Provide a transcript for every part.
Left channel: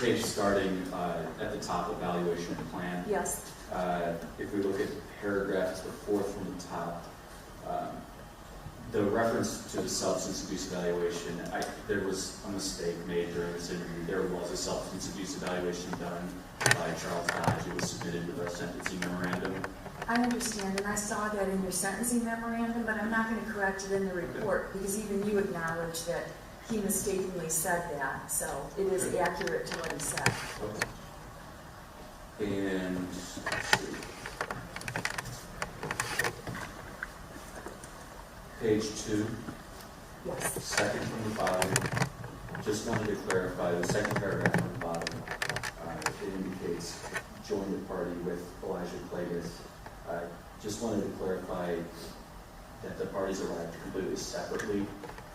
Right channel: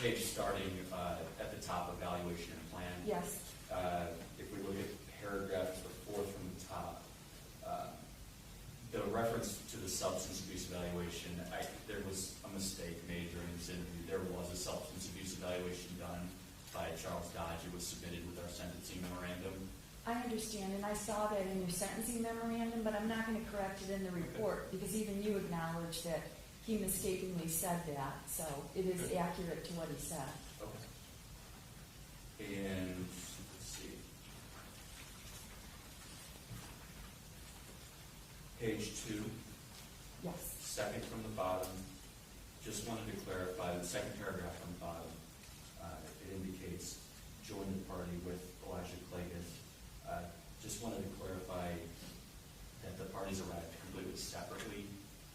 page starting at the top, evaluation plan. Yes. If we look at paragraph, it's the fourth from the top, the reference to the substance abuse evaluation, there was a mistake made during this interview. There was a substance abuse evaluation done by Charles Dodge. It was submitted with our sentencing memorandum. I understand, and I saw that in your sentencing memorandum, but I'm not going to correct it in the report because even you acknowledge that he mistakenly said that, so it is accurate to what he said. Okay. And let's see. Page 2, Yes. second from the bottom. Just wanted to clarify the second paragraph from the bottom. It indicates join the party with Elijah Plagas. Just wanted to clarify that the parties arrived completely separately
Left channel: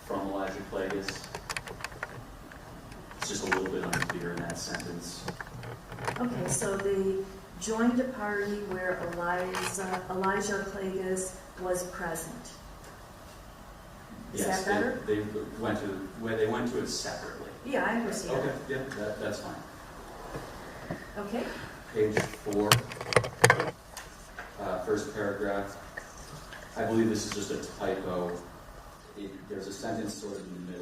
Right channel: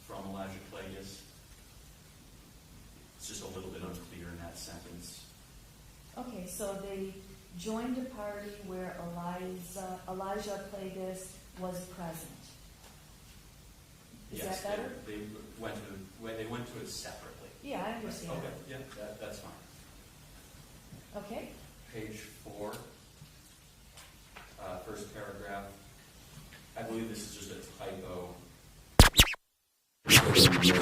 from Elijah Plagas. It's just a little bit unclear in that sentence. Okay, so they joined a party where Elijah Plagas was present. Is Yes, that better? they went to it separately. Yeah, I understand. Okay, yeah, that's fine. Okay. Page 4, first paragraph. I believe this is just a typo. There's a sentence that goes in the middle.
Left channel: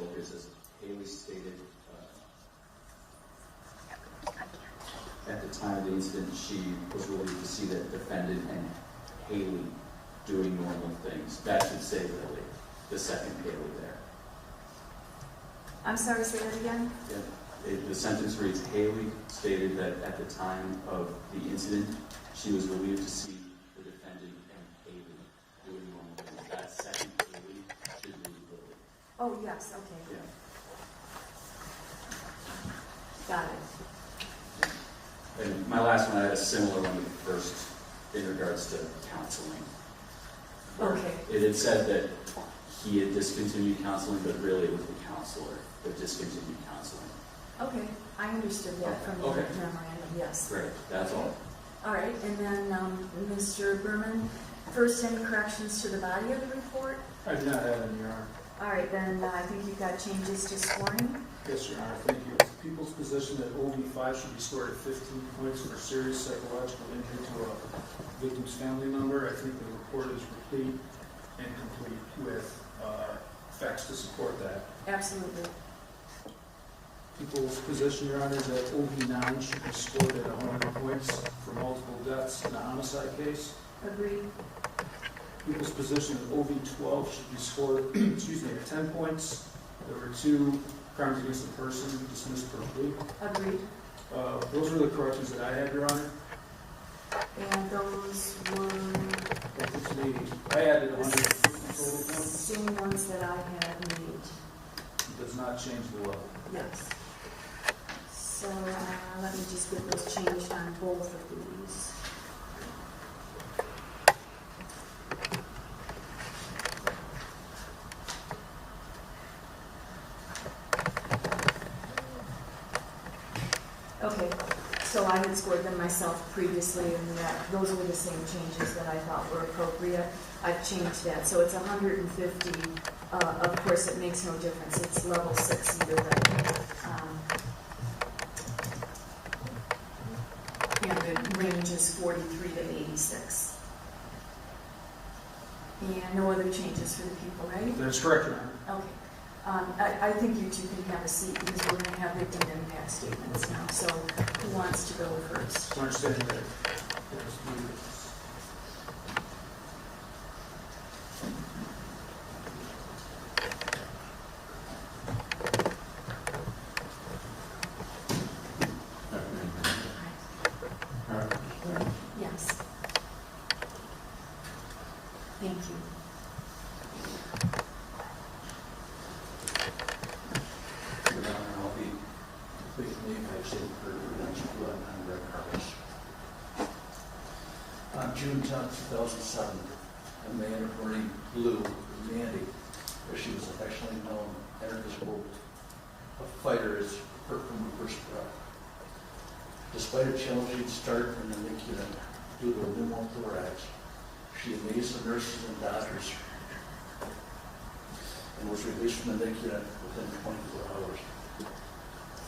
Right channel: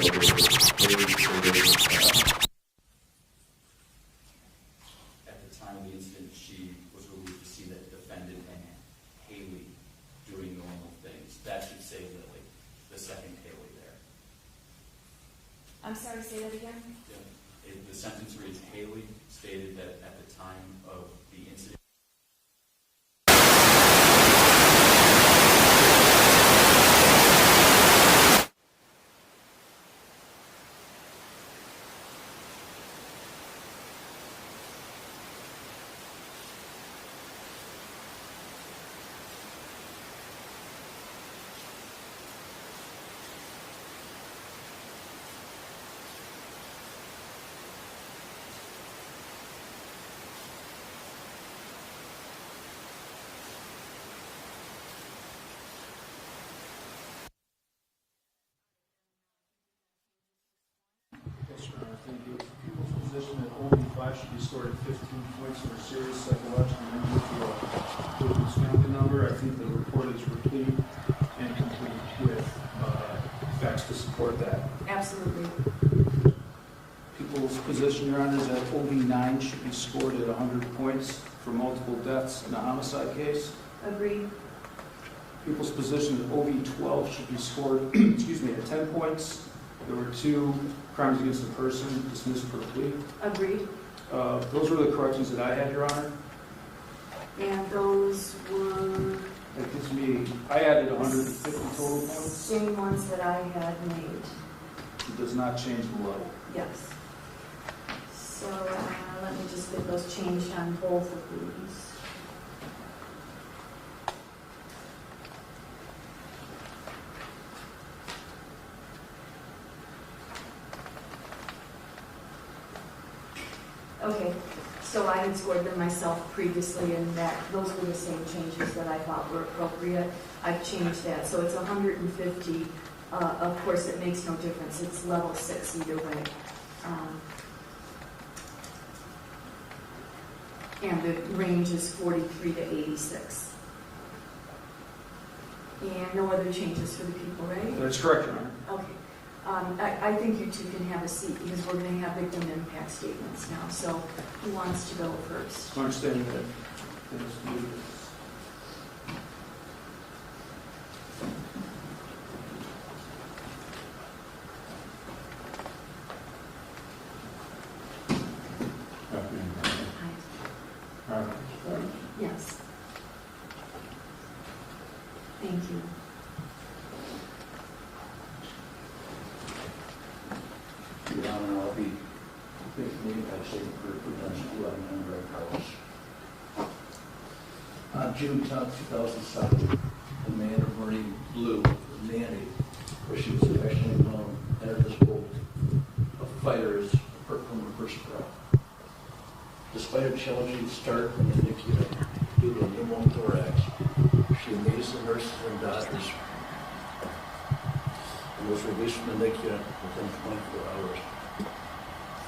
At the time of the incident, she was relieved to see the defendant and Haley doing normal things. That should say Lily, the second Haley there. I'm sorry, say that again? Yeah. The sentence reads, Haley stated that at the time of the incident, she was relieved to see. Oh, yes, okay. Got it. And my last one, I had a similar one at first in regards to counseling. Okay. It had said that he had discontinued counseling, but really it was the counselor that discontinued counseling. Okay, I understood that from the Okay. memorandum, yes. Great, that's all. All right, and then, Mr. Berman, first any corrections to the body of the report? I do not have any, Your Honor. All right, then I think you've got changes to scoring. Yes, Your Honor, thank you. People's position that OB5 should be scored at 15 points for serious psychological injury to a family member. I think the report is complete and complete with facts to support that. Absolutely. People's position, Your Honor, is that OB9 should be scored at 100 points for multiple deaths in a homicide case. Agreed. People's position that OB12 should be scored, at 10 points. There were 2 crimes against a person dismissed for a plea. Agreed. Those were the corrections that I had, Your Honor. And those were That gives me, I added 150 total points. same ones that I had made. It does not change the level. Yes. So let me just get those changed on both of these. Okay, so I had scored them myself previously, and those were the same changes that I thought were appropriate. I've changed that, so it's 150. Of course, it makes no difference. It's level 6 either way. And the range is 43 to 86. And no other changes for the people, right? That's correct, Your Honor. Okay. I think you two can have a seat because we're going to have victim impact statements now. So who wants to go first? I understand that. Yes. Thank you. Your Honor, I'll be taking the impact statement for Prudential 1100 House. On June 10, 2007, a man wearing blue, Danny, as she was affectionately known, entered this boat. A fighter is hurt from the first breath. Despite a challenging start from the NICU unit due to a pneumothorax, she amazed the nurses and doctors and was released from the NICU unit within 24 hours.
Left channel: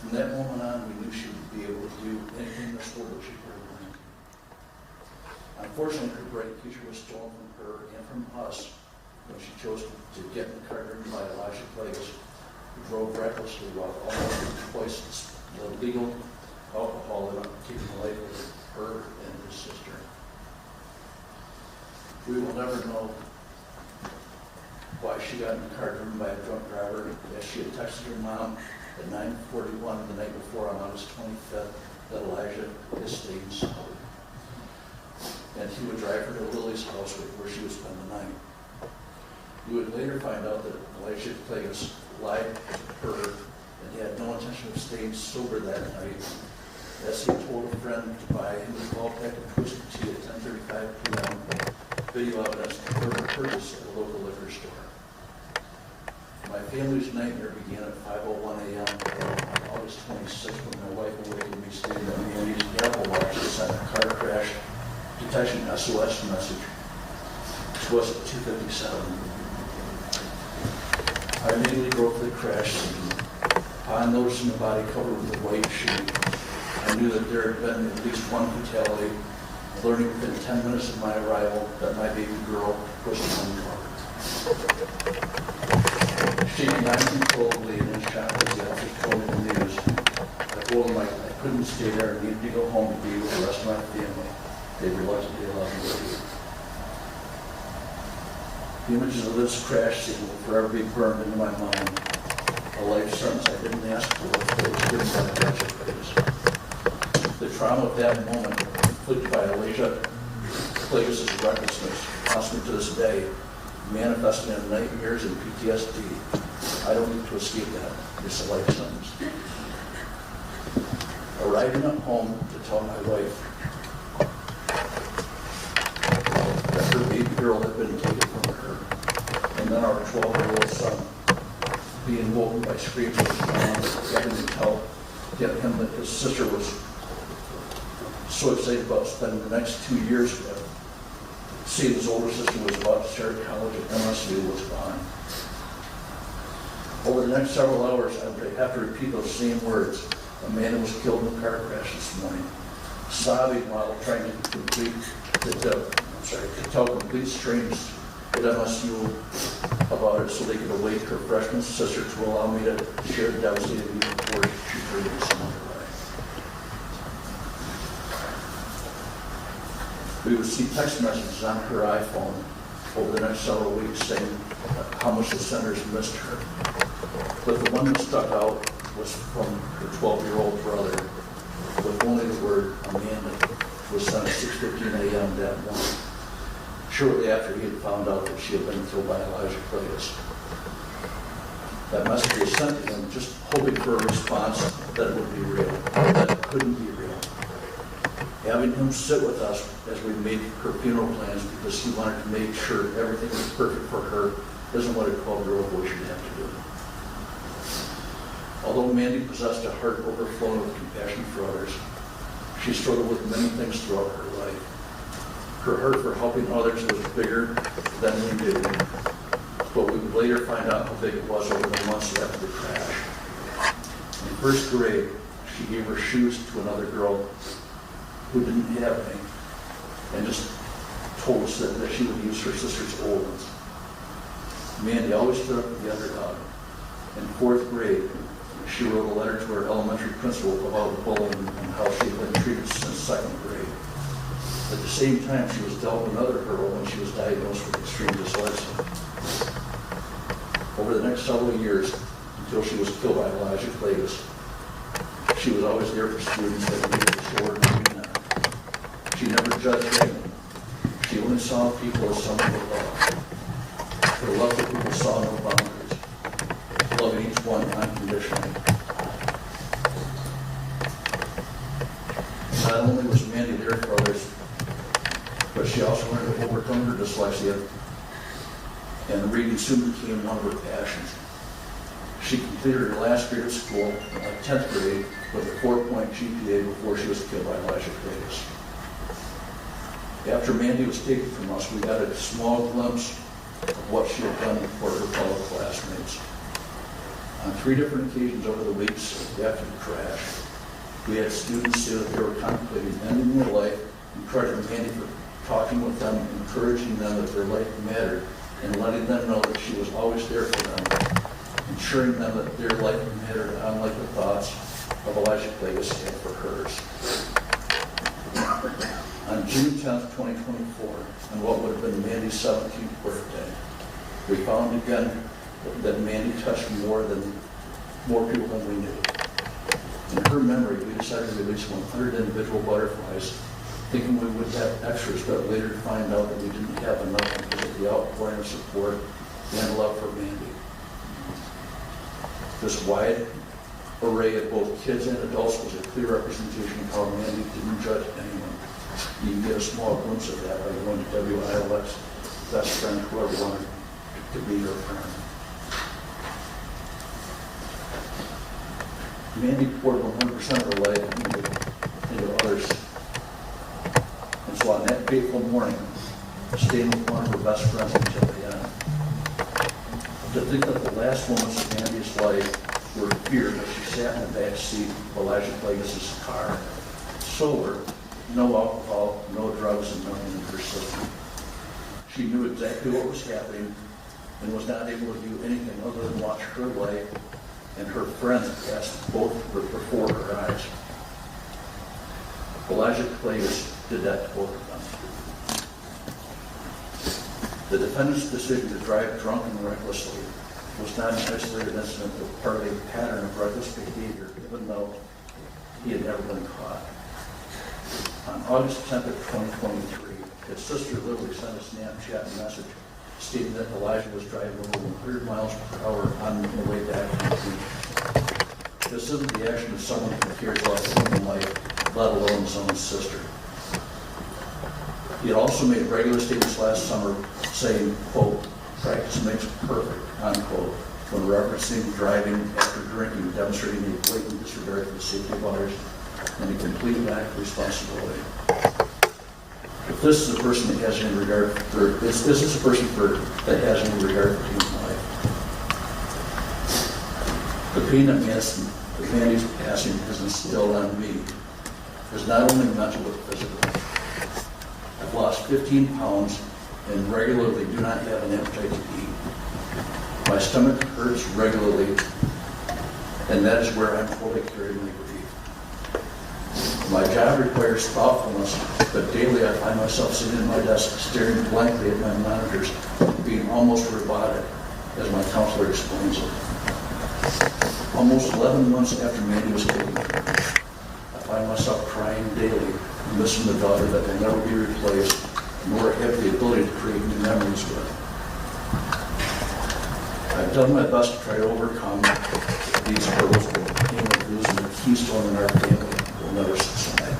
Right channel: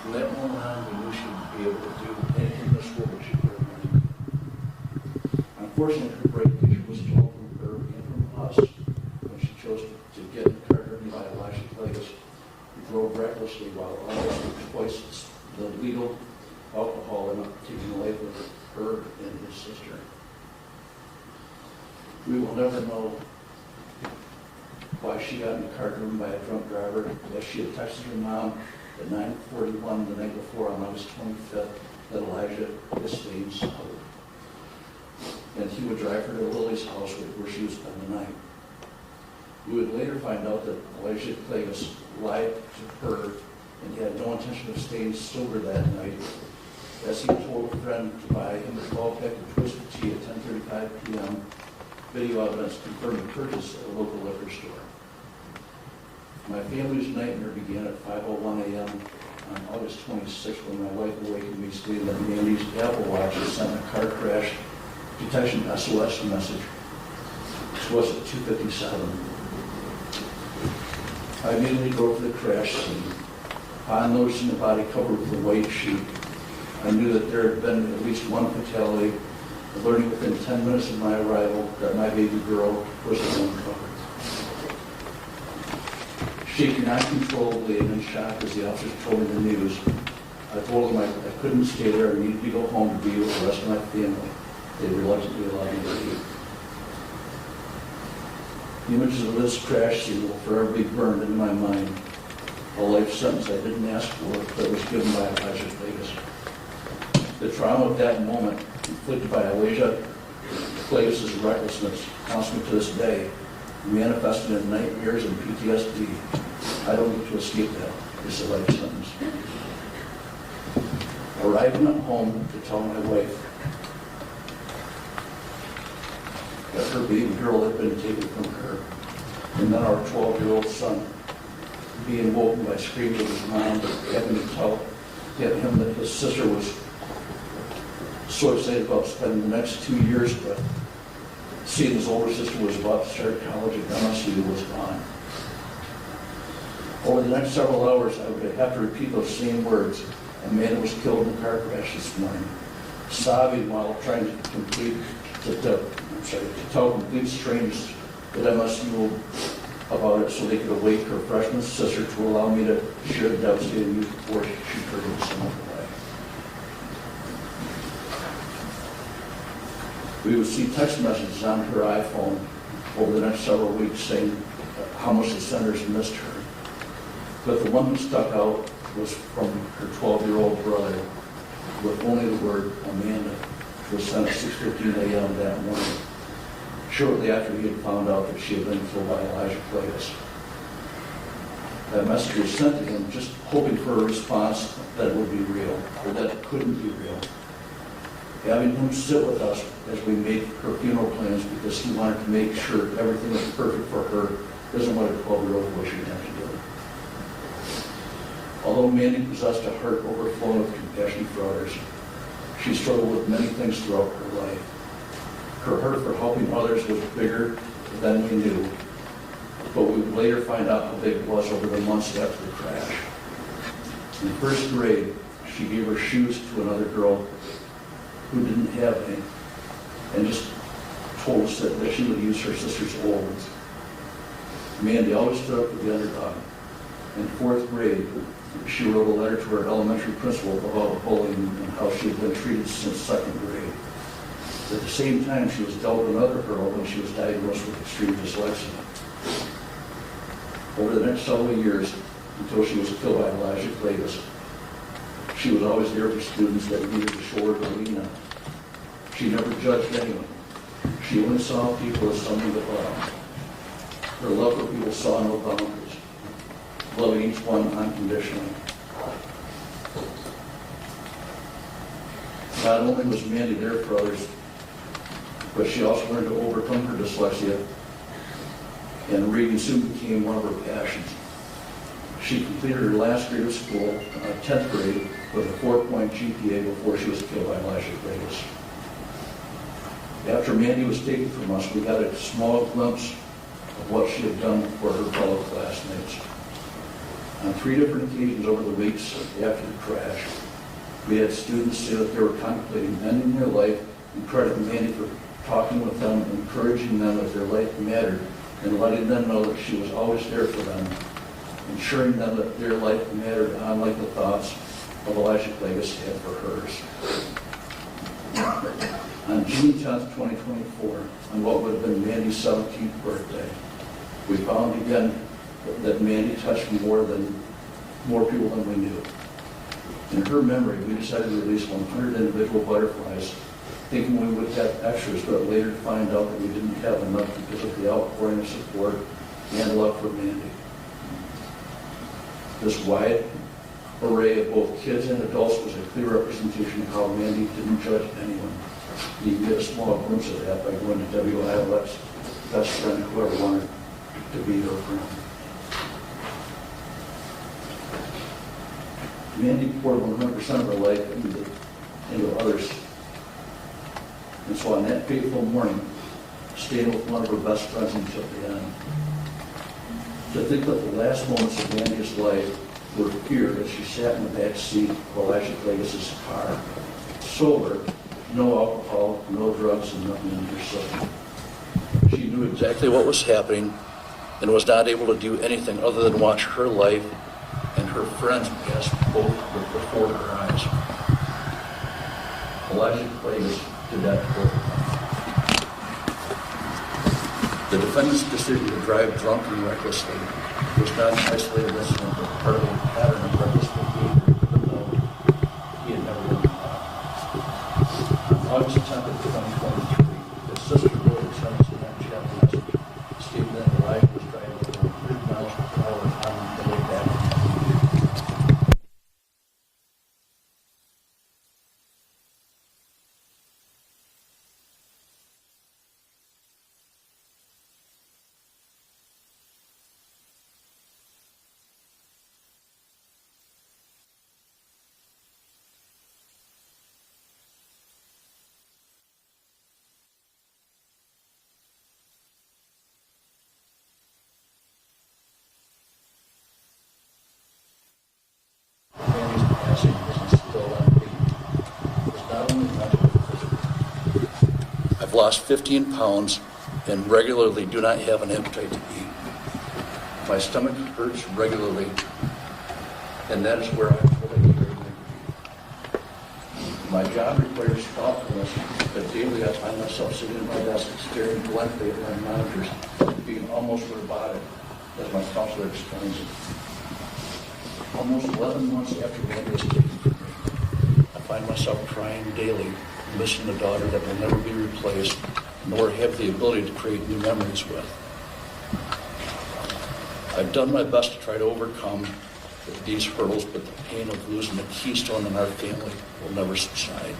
From that moment on, we knew she would be able to do anything in this world that she really wanted. Unfortunately, her bright future was stolen from her and from us when she chose to get in the car driven by Elijah Plagas, who drove recklessly while almost twice the legal alcohol limit, taking the life of her and his sister. We will never know why she got in the car driven by a drunk driver, as she had texted her mom at 9:41 the night before on August 25th that Elijah was staying sober. And he would drive her to Lily's house where she would spend the night. We would later find out that Elijah Plagas lied to her and he had no intention of staying sober that night, as he told a friend to buy him a 12-pack of Twisted Tea at 10:35 p.m. Video evidence confirmed the purchase at a local liquor store. My family's nightmare began at 5:01 a.m. on August 26th when my wife awakened me stating that Mandy's Apple Watch had sent a car crash detection SOS message to us at 2:57. I immediately drove to the crash scene. Upon noticing the body covered with a white sheet, I knew that there had been at least one fatality, and learning within 10 minutes of my arrival that my baby girl was the one covered. Shaking uncontrollably and in shock as the officers told me the news, I told them I couldn't stay there and needed to go home to be with the rest of my family. They reluctantly allowed me to leave. The images of this crash scene will forever be burned into my mind. A life sentence I didn't ask for that was given by Elijah Plagas. The trauma of that moment, inflicted by Elijah Plagas' recklessness, haunts me to this day, manifested in nightmares and PTSD. I don't need to escape that. It's a life sentence. Arriving at home to tell my wife that her baby girl had been taken from her, and then our 12-year-old son being woken by screams of his mom, having to tell him that his sister was so excited about spending the next 2 years, but seeing his older sister was about to start college at MSU was gone. Over the next several hours, I would have to repeat those same words. A man was killed in a car crash this morning, sobbing while trying to tell complete strangers at MSU about it so they could awake her freshman sister to allow me to share the devastating news before she turned into some other life. We would see text messages on her iPhone over the next several weeks saying how much the senders missed her. But the one that stuck out was from her 12-year-old brother with only the word Amanda, which was sent at 6:15 a.m. that morning, shortly after he had found out that she had been killed by Elijah Plagas. That message was sent to him just hoping for a response that it would be real, that it couldn't be real. Having him sit with us as we made her funeral plans because he wanted to make sure everything was perfect for her isn't what a 12-year-old boy should have to do. Although Mandy possessed a heart overflowing with compassion for others, she struggled with many things throughout her life. Her heart for helping others was bigger than he knew, but we would later find out how big it was over the months after the crash. In first grade, she gave her shoes to another girl who didn't have any, and just told us that she would use her sister's old ones. Mandy always stood up for the underdog. In fourth grade, she wrote a letter to her elementary principal about bullying and how she had been treated since second grade. At the same time, she was dealt with another girl when she was diagnosed with extreme dyslexia. Over the next several years, until she was killed by Elijah Plagas, she was always there for students that needed to show her demeanor. She never judged anyone. She only saw people as someone with love. Her love for people saw no boundaries, loving each one unconditionally. Not only was Mandy there for others, but she also learned to overcome her dyslexia, and reading soon became one of her passions. She completed her last grade of school, 10th grade, with a 4-point GPA before she was killed by Elijah Plagas. After Mandy was taken from us, we got a small glimpse of what she had done for her fellow classmates. On 3 different occasions over the weeks after the crash, we had students say that they were contemplating ending their life and credit Mandy for talking with them, encouraging them that their life mattered, and letting them know that she was always there for them, ensuring them that their life mattered, unlike the thoughts of Elijah Clagus had for hers. On June 10th, 2024, on what would have been Mandy's 17th birthday, we found again that Mandy touched more people than we knew. In her memory, we decided to release 100 individual butterflies, thinking we would have extras, but later to find out that we didn't have enough because of the outpouring of support and love for Mandy. This wide array of both kids and adults was a clear representation of how Mandy didn't judge anyone. You can get a small glimpse of that by going to WILX, best friend, whoever wanted to be her friend. Mandy poured 100% of her life into others. And so on that fateful morning, staying with one of her best friends until the end. To think that the last moments of Mandy's life were feared as she sat in the back seat of Elijah Clagus' car, sober, no alcohol, no drugs, and nothing in her system. She knew exactly what was happening and was not able to do anything other than watch her life and her friends pass both before her eyes. Elijah Clagus did that for her. The defendant's decision to drive drunk and recklessly was not an isolated incident, but part of a pattern of reckless behavior, even though he had never been caught. On August 10th of 2023, his sister Lily sent a Snapchat message stating that Elijah was driving over 100 miles per hour on the way back. This isn't the action of someone who cares about human life, let alone his own sister. He had also made regular statements last summer saying, quote, practice makes perfect, unquote, when referencing driving after drinking, demonstrating a blatant disregard for the safety of others and a complete lack of responsibility. If this is a person that has any regard for, this is a person that has any regard for human life. The pain that Mandy's passing is instilled on me is not only mental but physical. I've lost 15 pounds and regularly do not have an appetite to eat. My stomach hurts regularly, and that is where I'm fully carried away. My job requires thoughtfulness, but daily I find myself sitting at my desk staring blankly at my monitors, being almost robotic, as my counselor explains it. Almost 11 months after Mandy was taken, I find myself crying daily, missing the daughter that will never be replaced, nor have the ability to create new memories with. I've done my best to try to overcome these hurdles, but the pain of losing the keystone in our family will never subside.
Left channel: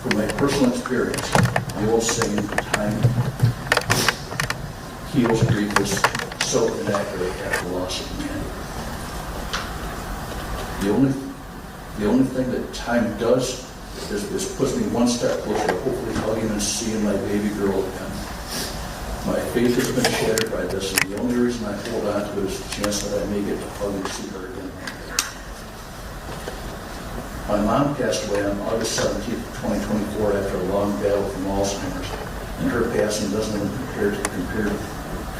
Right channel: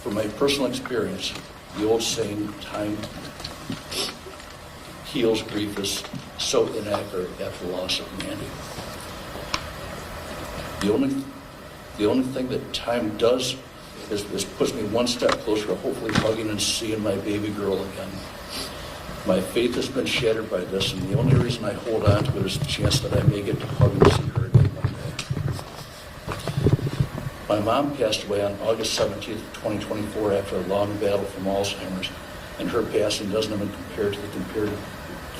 From my personal experience, the old saying, time heals grief, is so inaccurate after the loss of Mandy. The only thing that time does is puts me one step closer to hopefully hugging and seeing my baby girl again. My faith has been shattered by this, and the only reason I hold on to it is the chance that I may get to hug and see her again one day. My mom passed away on August 17th, 2024 after a long battle from Alzheimer's, and her passing doesn't even compare to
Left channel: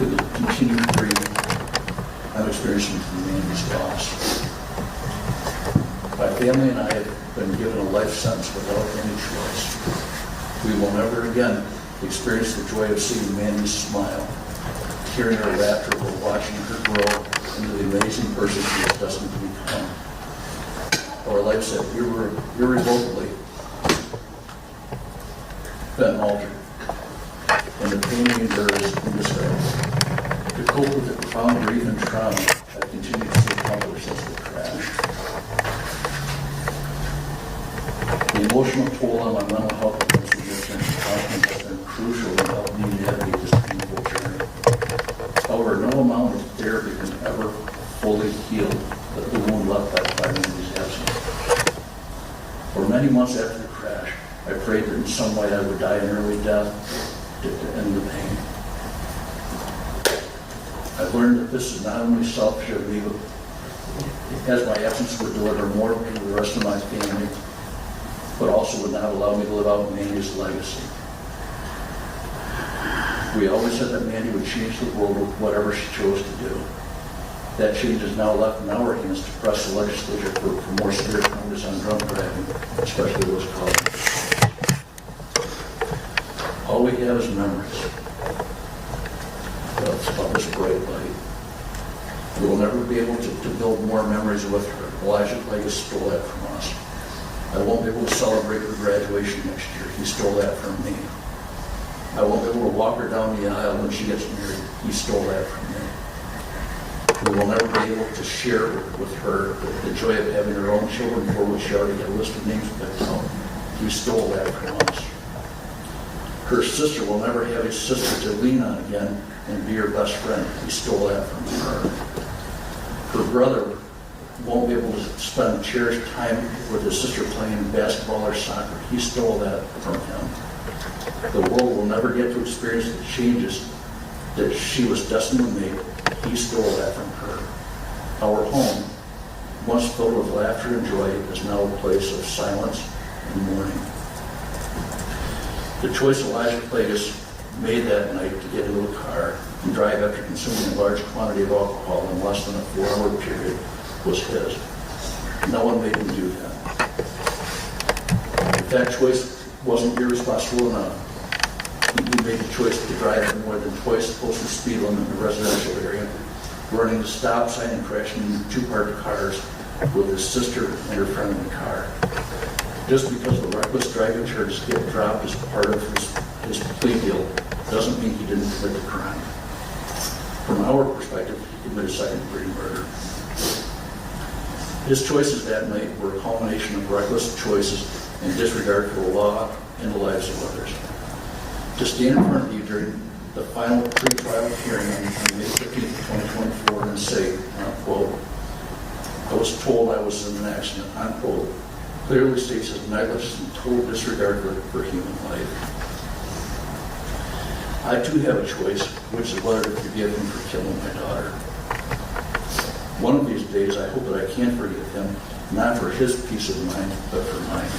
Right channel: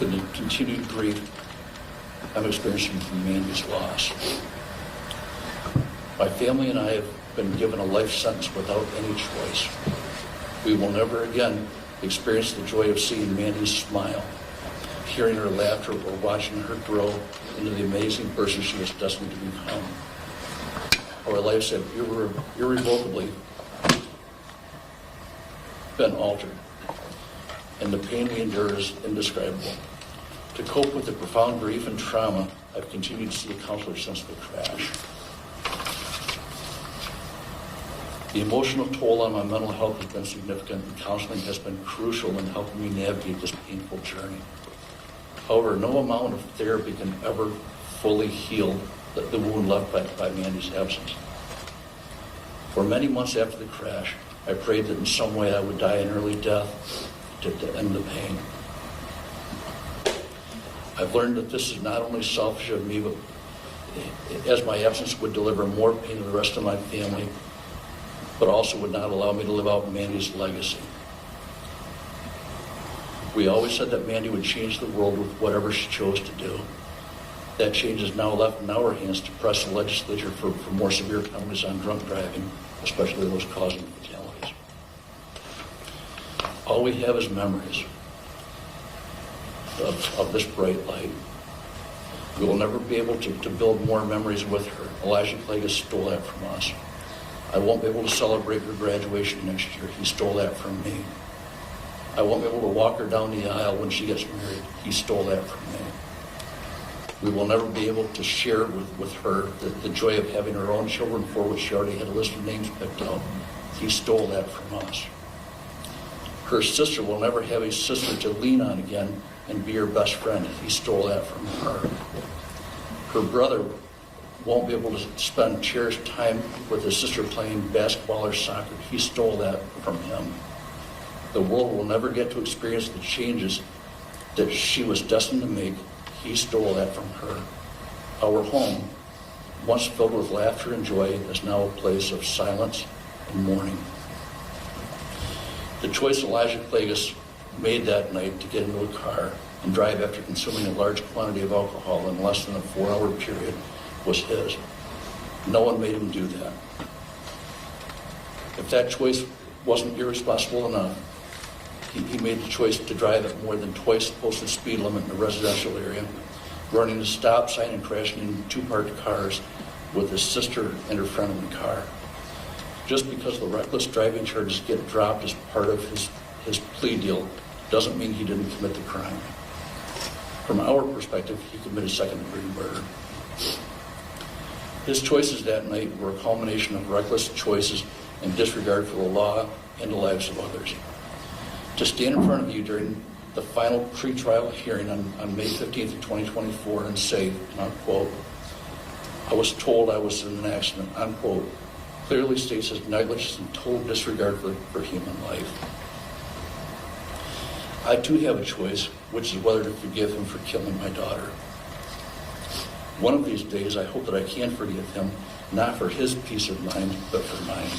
the continued grief I'm experiencing from Mandy's loss. My family and I have been given a life sentence without any choice. We will never again experience the joy of seeing Mandy's smile, hearing her laughter, or watching her grow into the amazing person she is destined to become. Our lives have irrevocably been altered, and the pain we endure is indescribable. To cope with the profound grief and trauma I've continued to see accomplished since the crash. The emotional toll on my mental health has been significant, and counseling has been crucial in helping me navigate this painful journey. However, no amount of therapy can ever fully heal the wound left by Mandy's absence. For many months after the crash, I prayed that in some way I would die an early death to end the pain. I've learned that this is not only selfish of me, but as my absence would deliver more pain to the rest of my family, but also would not allow me to live out Mandy's legacy. We always said that Mandy would change the world with whatever she chose to do. That change is now left in our hands to press the legislature for more severe penalties on drunk driving, especially those caused. All we have is memories of this bright light. We will never be able to build more memories with her. Elijah Plague has stole that from us. I won't be able to celebrate her graduation next year. He stole that from me. I won't be able to walk her down the aisle when she gets married. He stole that from me. We will never be able to share with her the joy of having her own children, for which she already had a list of names picked out. He stole that from us. Her sister will never have a sister to lean on again and be her best friend. He stole that from her. Her brother won't be able to spend cherished time with his sister playing basketball or soccer. He stole that from him. The world will never get to experience the changes that she was destined to make. He stole that from her. Our home, once filled with laughter and joy, is now a place of silence and mourning. The choice Elijah Plagas made that night to get into a car and drive after consuming a large quantity of alcohol in less than a 4-hour period was his. No one made him do that. If that choice wasn't irresponsible enough, he made the choice to drive at more than twice the posted speed limit in a residential area, running the stop sign and crashing into 2 parked cars with his sister and her friend in the car. Just because the reckless driving charges get dropped as part of his plea deal doesn't mean he didn't commit the crime. From our perspective, he committed second-degree murder. His choices that night were a culmination of reckless choices and disregard for the law and the lives of others. To stand in front of you during the final pre-trial hearing on May 15th, 2024 and say, quote, "I was told I was in an accident," unquote, clearly states his negligence and total disregard for human life. I too have a choice, which is whether to forgive him for killing my daughter. One of these days, I hope that I can forgive him, not for his peace of mind, but for mine.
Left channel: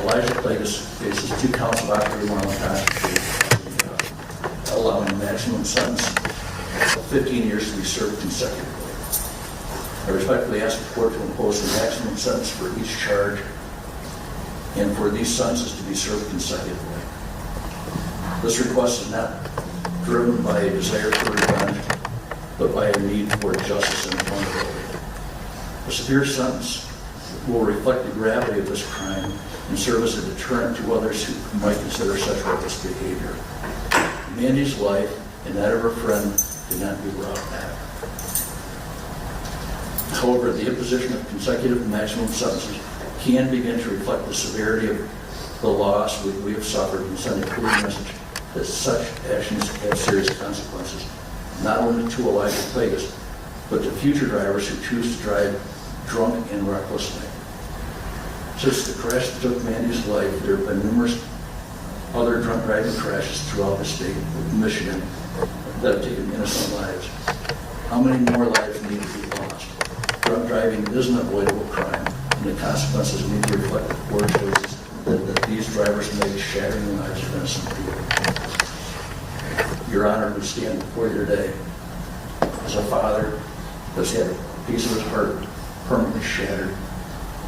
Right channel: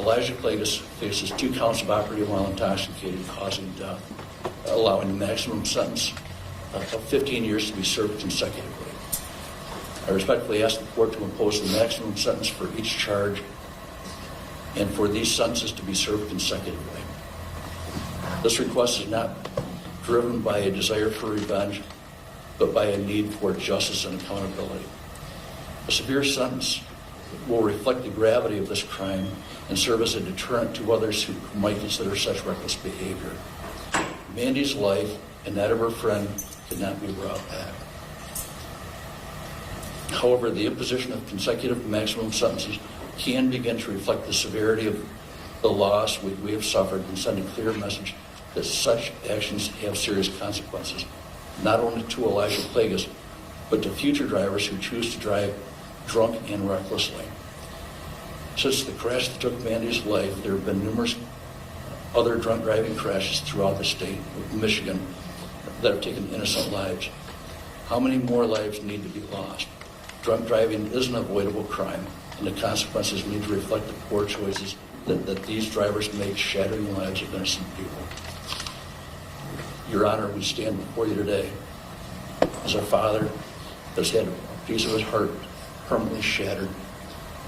Elijah Plagas faces 2 counts of aggravated while intoxicated, causing death, allowing a maximum sentence of 15 years to be served consecutively. I respectfully ask the court to impose the maximum sentence for each charge and for these sentences to be served consecutively. This request is not driven by a desire for revenge, but by a need for justice and accountability. A severe sentence will reflect the gravity of this crime and serve as a deterrent to others who might consider such reckless behavior. Mandy's life and that of her friend could not be brought back. However, the imposition of consecutive maximum sentences can begin to reflect the severity of the loss we have suffered and send a clear message that such actions have serious consequences, not only to Elijah Plagas, but to future drivers who choose to drive drunk and recklessly. Since the crash that took Mandy's life, there have been numerous other drunk driving crashes throughout the state of Michigan that have taken innocent lives. How many more lives need to be lost? Drunk driving is an avoidable crime, and the consequences need to reflect the poor choices that these drivers made, shattering the lives of innocent people. Your Honor, we stand before you today as a father that's had a piece of his heart permanently shattered,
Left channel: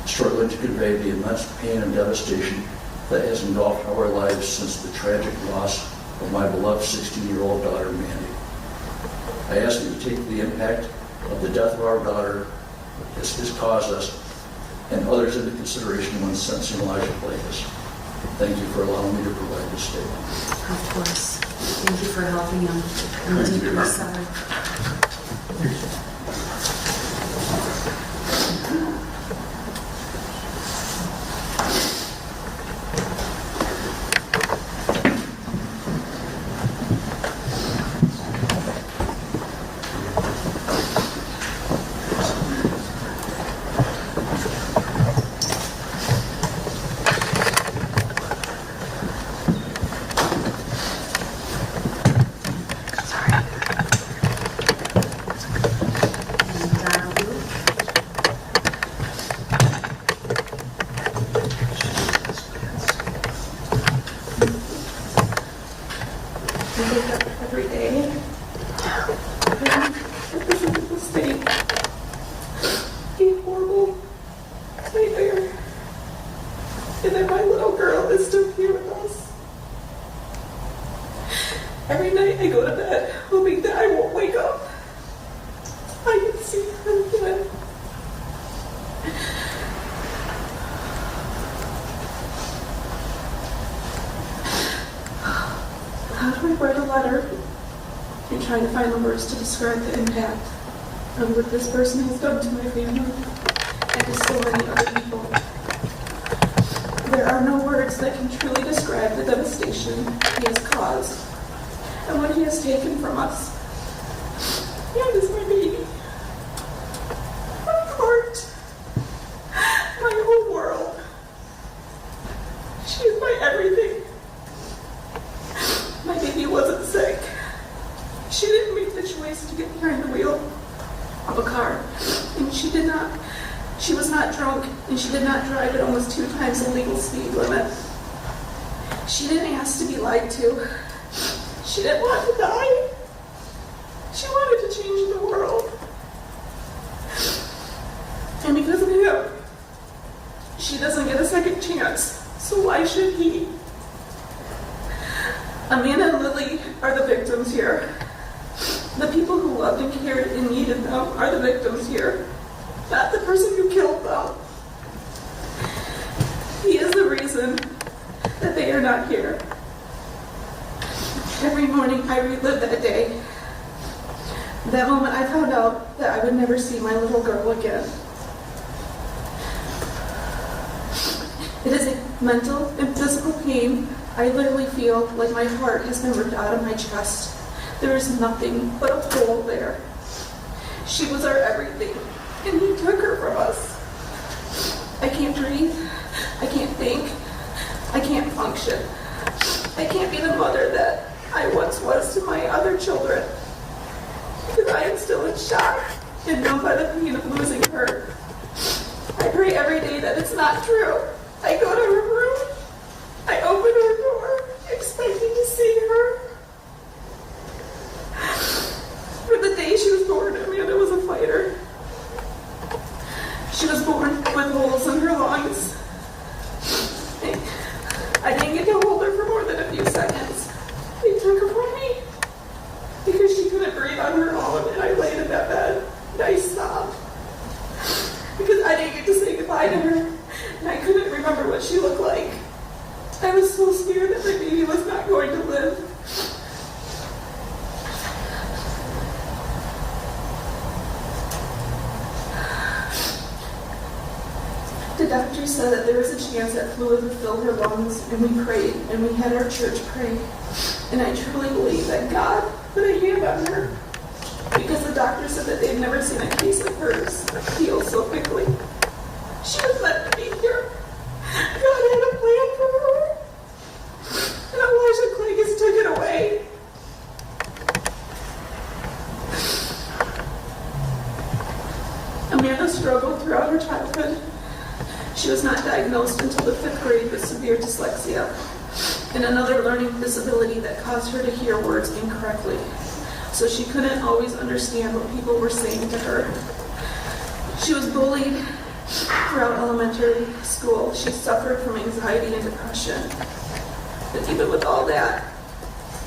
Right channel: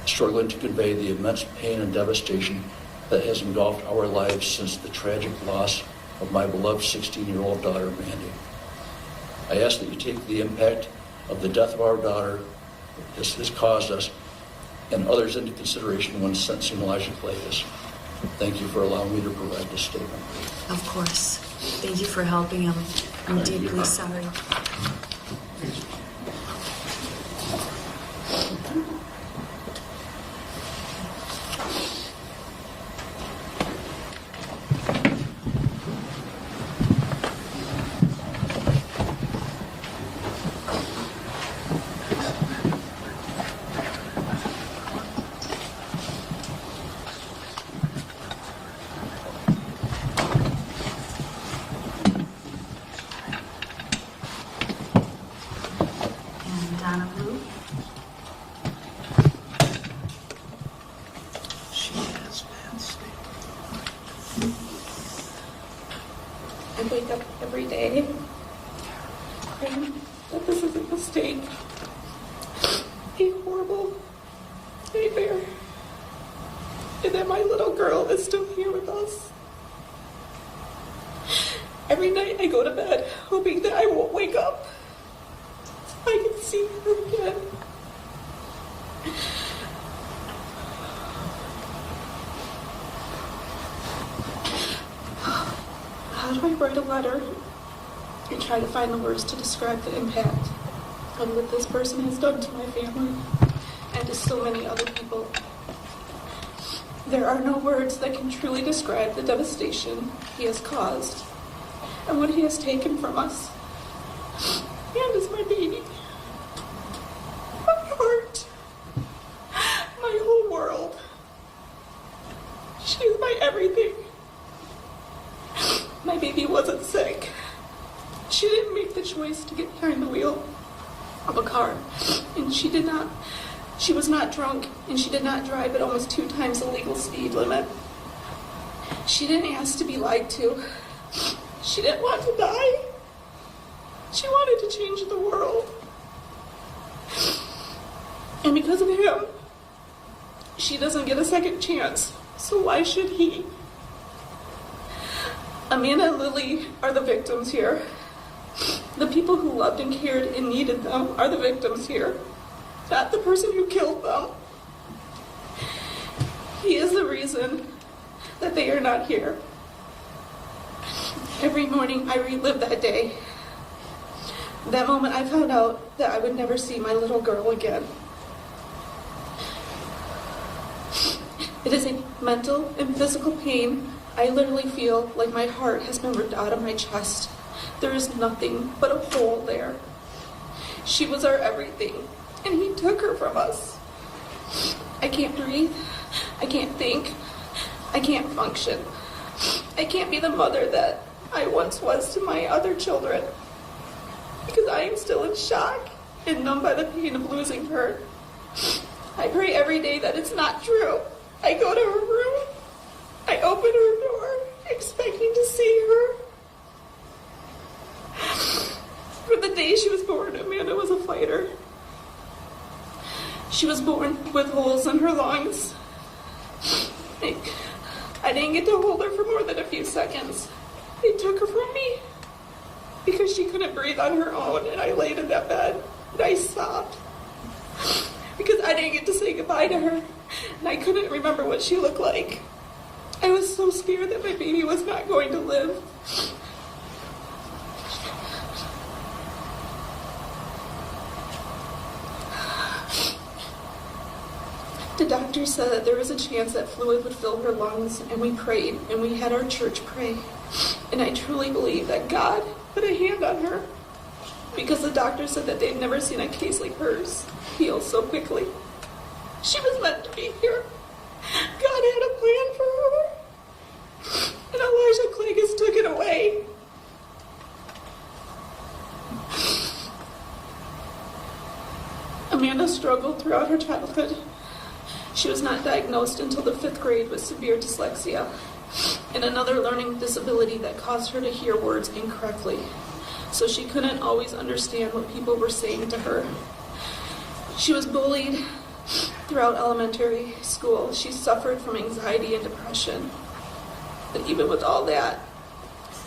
struggling to convey the immense pain and devastation that has engulfed our lives since the tragic loss of my beloved 16-year-old daughter, Mandy. I ask that you take the impact of the death of our daughter has caused us and others into consideration when sentencing Elijah Plagas. Thank you for allowing me to provide this statement. Of course. Thank you for helping him. I'm deeply sorry. and that my little girl is still here with us. Every night I go to bed hoping that I won't wake up. I can see her again. How do I write a letter and try to find the words to describe the impact of what this person has done to my family and to so many other people? There are no words that can truly describe the devastation he has caused and what he has taken from us. And is my baby, my heart, my whole world. She is my everything. My baby wasn't sick. She didn't make the choice to get behind the wheel of a car. And she was not drunk, and she did not drive at almost 2 times the legal speed limit. She didn't ask to be lied to. She didn't want to die. She wanted to change the world. And because of him, she doesn't get a second chance. So why should he? Amanda and Lily are the victims here. The people who loved and cared and needed them are the victims here, not the person who killed them. He is the reason that they are not here. Every morning I relive that day. That moment I found out that I would never see my little girl again. It is a mental and physical pain. I literally feel like my heart has been ripped out of my chest. There is nothing but a hole there. She was our everything, and he took her from us. I can't breathe. I can't think. I can't function. I can't be the mother that I once was to my other children because I am still in shock and numb by the pain of losing her. I pray every day that it's not true. I go to her room. I open her door, expecting to see her. From the day she was born, Amanda was a fighter. She was born with holes in her lungs. I didn't get to hold her for more than a few seconds. They took her from me because she couldn't breathe on her own, and I laid in that bed, and I sobbed because I didn't get to say goodbye to her, and I couldn't remember what she looked like. I was so scared that my baby was not going to live. The doctor said that there was a chance that fluid would fill her lungs, and we prayed, and we had our church pray. And I truly believe that God put a hand on her, because the doctor said that they've never seen a case like hers heal so quickly. She was meant to be here. God had a plan for her. And Elijah Clegus took it away. Amanda struggled throughout her childhood. She was not diagnosed until the 5th grade with severe dyslexia and another learning disability that caused her to hear words incorrectly. So she couldn't always understand what people were saying to her. She was bullied throughout elementary school. She suffered from anxiety and depression. But even with all that,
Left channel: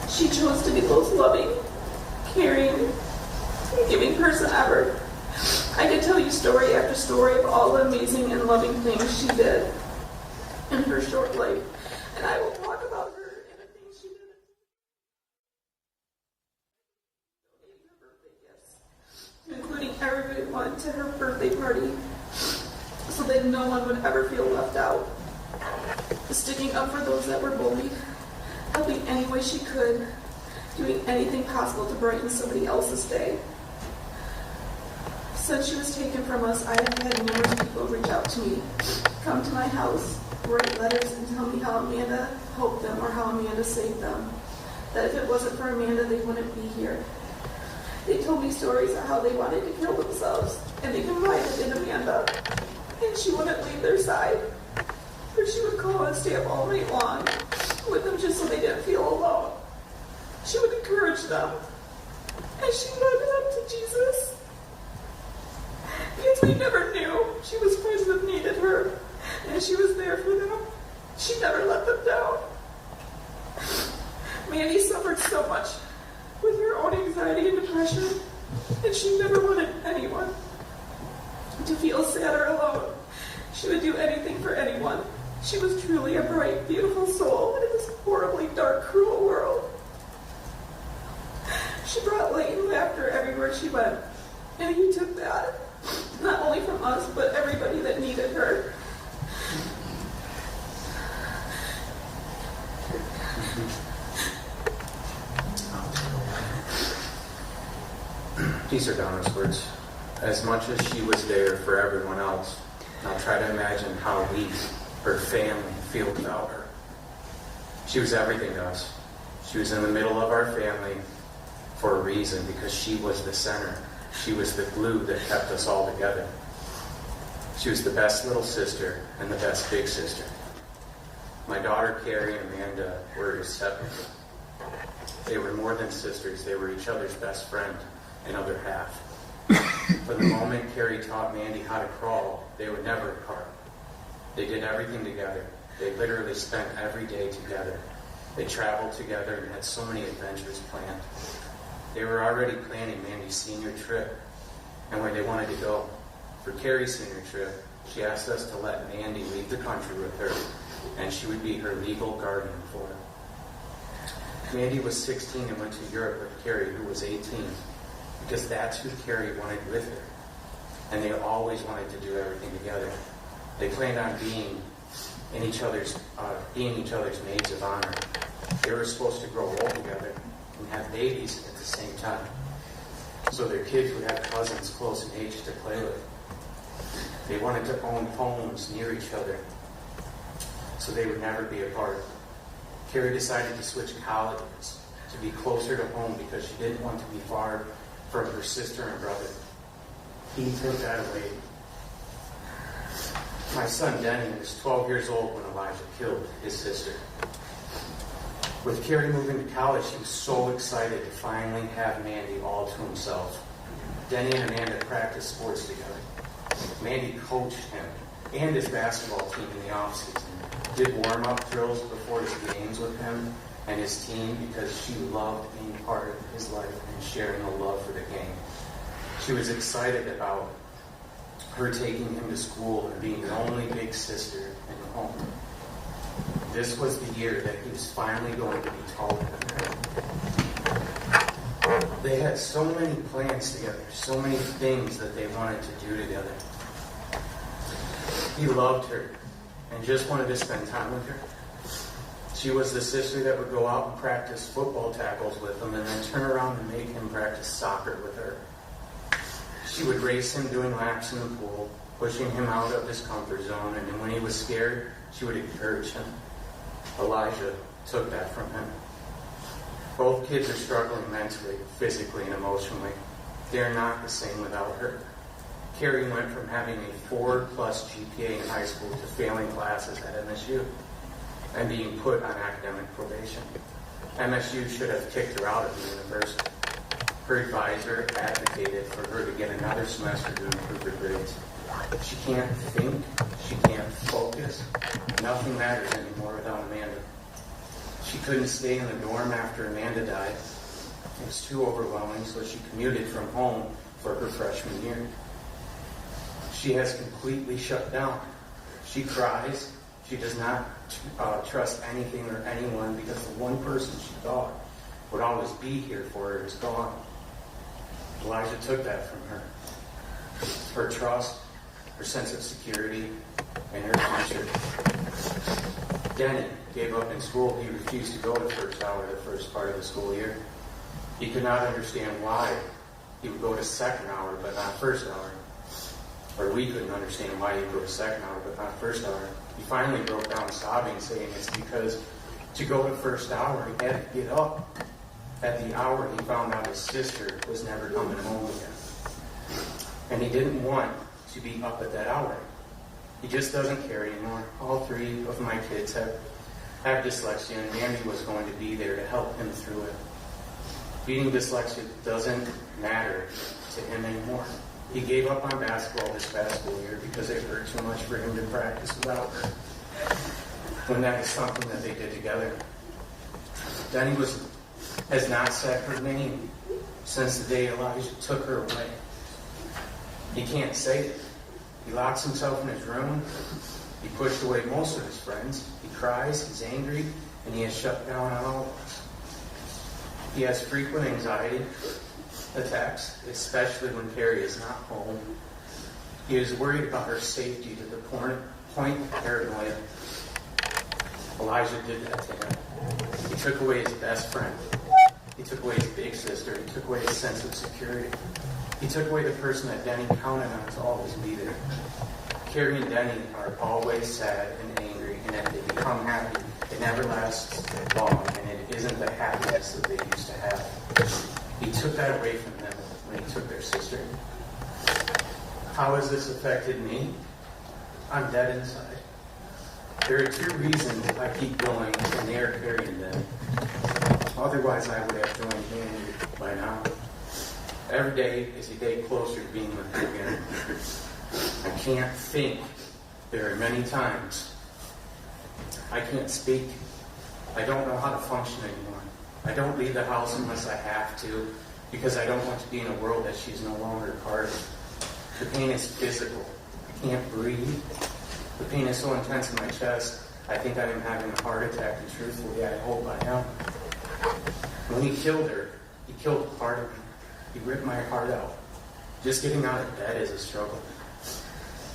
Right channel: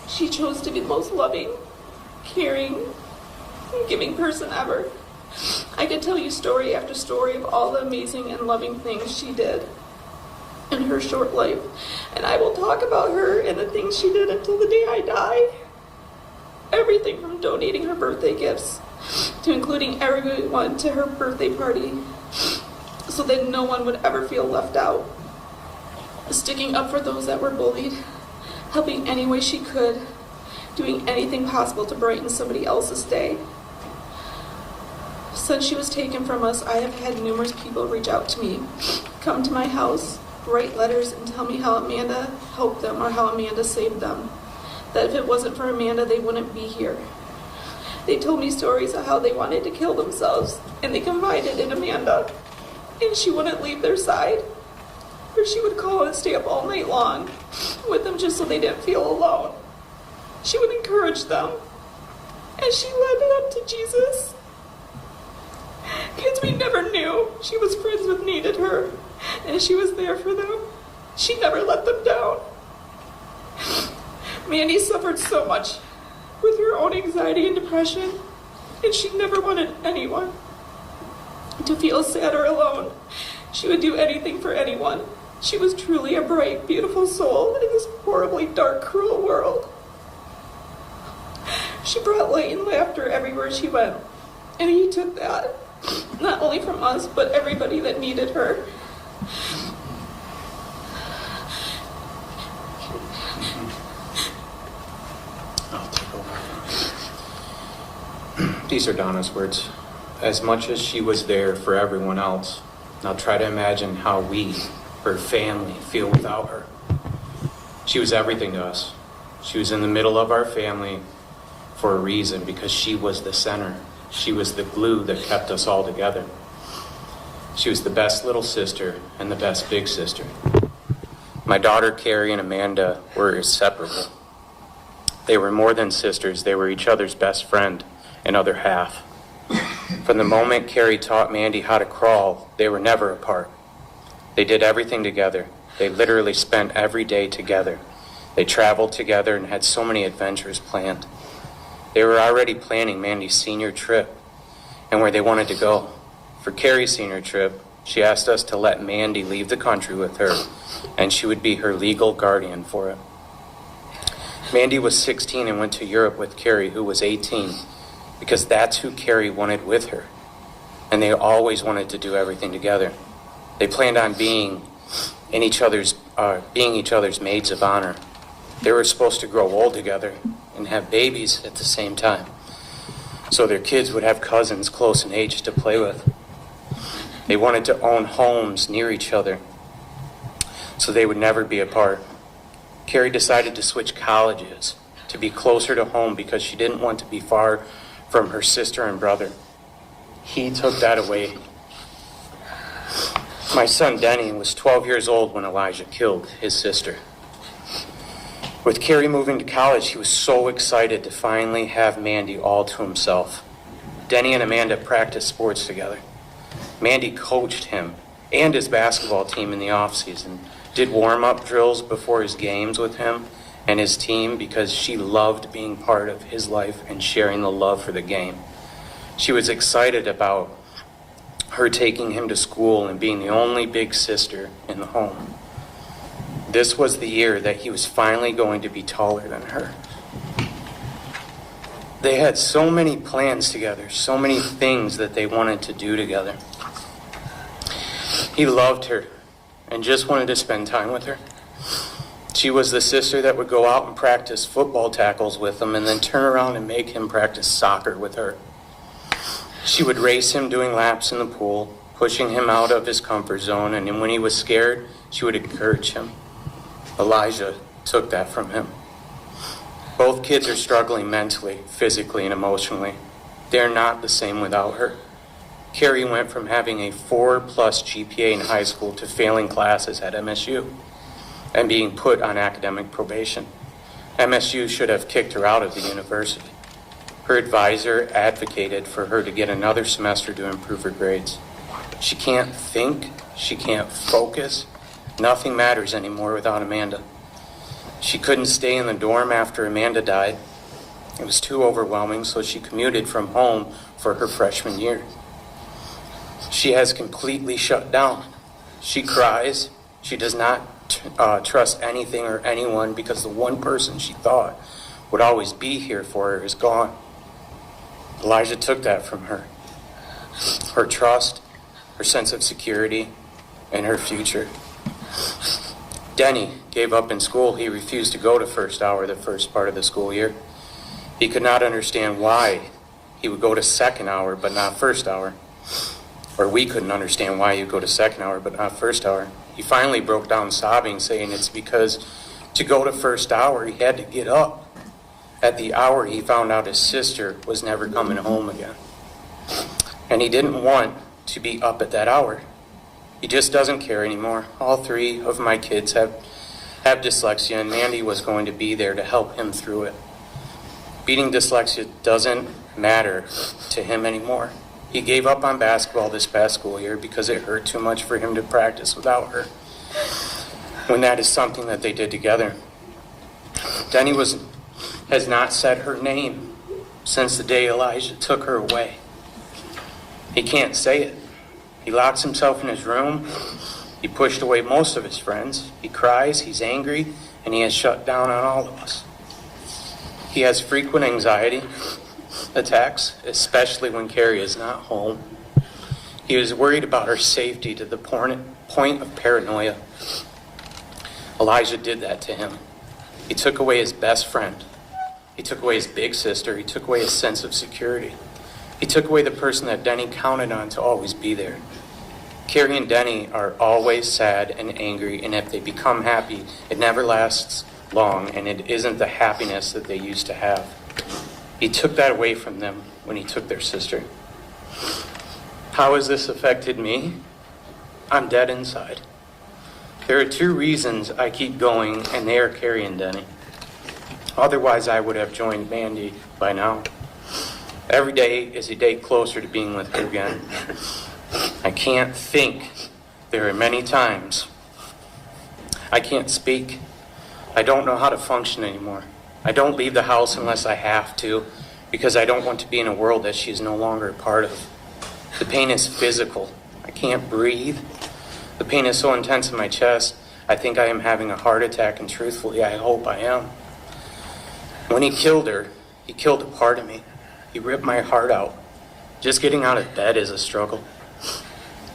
she chose to be the most loving, caring, and giving person ever. I could tell you story after story of all the amazing and loving things she did in her short life. And I will talk about her and the things she did until the day I die. Everything from donating her birthday gifts to including everyone to her birthday party so that no one would ever feel left out. Sticking up for those that were bullied, helping any way she could, doing anything possible to brighten somebody else's day. Since she was taken from us, I have had numerous people reach out to me, come to my house, write letters, and tell me how Amanda helped them or how Amanda saved them. That if it wasn't for Amanda, they wouldn't be here. They told me stories of how they wanted to kill themselves, and they confided in Amanda, and she wouldn't leave their side. Or she would call and stay up all night long with them just so they didn't feel alone. She would encourage them, and she led them to Jesus. Because we never knew she was friends with needed her, and she was there for them. She never let them down. Mandy suffered so much with her own anxiety and depression, and she never wanted anyone to feel sad or alone. She would do anything for anyone. She was truly a bright, beautiful soul in this horribly dark, cruel world. She brought light and laughter everywhere she went, and he took that, not only from us, but everybody that needed her. These are Donna's words. As much as she was there for everyone else, now try to imagine how we, her family, feel without her. She was everything to us. She was in the middle of our family for a reason, because she was the center. She was the glue that kept us all together. She was the best little sister and the best big sister. My daughter Carrie and Amanda were inseparable. They were more than sisters. They were each other's best friend and other half. From the moment Carrie taught Mandy how to crawl, they were never apart. They did everything together. They literally spent every day together. They traveled together and had so many adventures planned. They were already planning Mandy's senior trip and where they wanted to go. For Carrie's senior trip, she asked us to let Mandy leave the country with her, and she would be her legal guardian for it. Mandy was 16 and went to Europe with Carrie, who was 18, because that's who Carrie wanted with her. And they always wanted to do everything together. They planned on being each other's maids of honor. They were supposed to grow old together and have babies at the same time, so their kids would have cousins close in age to play with. They wanted to own homes near each other, so they would never be apart. Carrie decided to switch colleges to be closer to home because she didn't want to be far from her sister and brother. He took that away. My son Denny was 12 years old when Elijah killed his sister. With Carrie moving to college, he was so excited to finally have Mandy all to himself. Denny and Amanda practiced sports together. Mandy coached him and his basketball team in the off-season, did warm-up drills before his games with him and his team because she loved being part of his life and sharing the love for the game. She was excited about her taking him to school and being the only big sister in the home. This was the year that he was finally going to be taller than her. They had so many plans together, so many things that they wanted to do together. He loved her and just wanted to spend time with her. She was the sister that would go out and practice football tackles with him and then turn around and make him practice soccer with her. She would race him doing laps in the pool, pushing him out of his comfort zone, and then when he was scared, she would encourage him. Elijah took that from him. Both kids are struggling mentally, physically, and emotionally. They're not the same without her. Carrie went from having a 4+ GPA in high school to failing classes at MSU and being put on academic probation. MSU should have kicked her out of the university. Her advisor advocated for her to get another semester to improve her grades. She can't think, she can't focus. Nothing matters anymore without Amanda. She couldn't stay in the dorm after Amanda died. It was too overwhelming, so she commuted from home for her freshman year. She has completely shut down. She cries. She does not trust anything or anyone because the one person she thought would always be here for her is gone. Elijah took that from her. Her trust, her sense of security, and her future. Denny gave up in school. He refused to go to first hour the first part of the school year. He could not understand why he would go to second hour but not first hour. Or we couldn't understand why he'd go to second hour but not first hour. He finally broke down sobbing, saying it's because to go to first hour, he had to get up at the hour he found out his sister was never coming home again. And he didn't want to be up at that hour. He just doesn't care anymore. All 3 of my kids have dyslexia, and Mandy was going to be there to help him through it. Beating dyslexia doesn't matter to him anymore. He gave up on basketball this past school year because it hurt too much for him to practice without her. when that is something that they did together. Denny has not said her name since the day Elijah took her away. He can't say it. He locks himself in his room. He pushed away most of his friends. He cries, he's angry, and he has shut down on all of us. He has frequent anxiety attacks, especially when Carrie is not home. He is worried about her safety to the point of paranoia. Elijah did that to him. He took away his best friend. He took away his big sister. He took away his sense of security. He took away the person that Denny counted on to always be there. Carrie and Denny are always sad and angry, and if they become happy, it never lasts long, and it isn't the happiness that they used to have. He took that away from them when he took their sister. How has this affected me? I'm dead inside. There are 2 reasons I keep going, and they are Carrie and Denny. Otherwise, I would have joined Mandy by now. Every day is a day closer to being with her again. I can't think. There are many times I can't speak. I don't know how to function anymore. I don't leave the house unless I have to, because I don't want to be in a world that she's no longer a part of. The pain is physical. I can't breathe. The pain is so intense in my chest, I think I am having a heart attack, and truthfully, I hope I am. When he killed her, he killed a part of me. He ripped my heart out. Just getting out of bed is a struggle.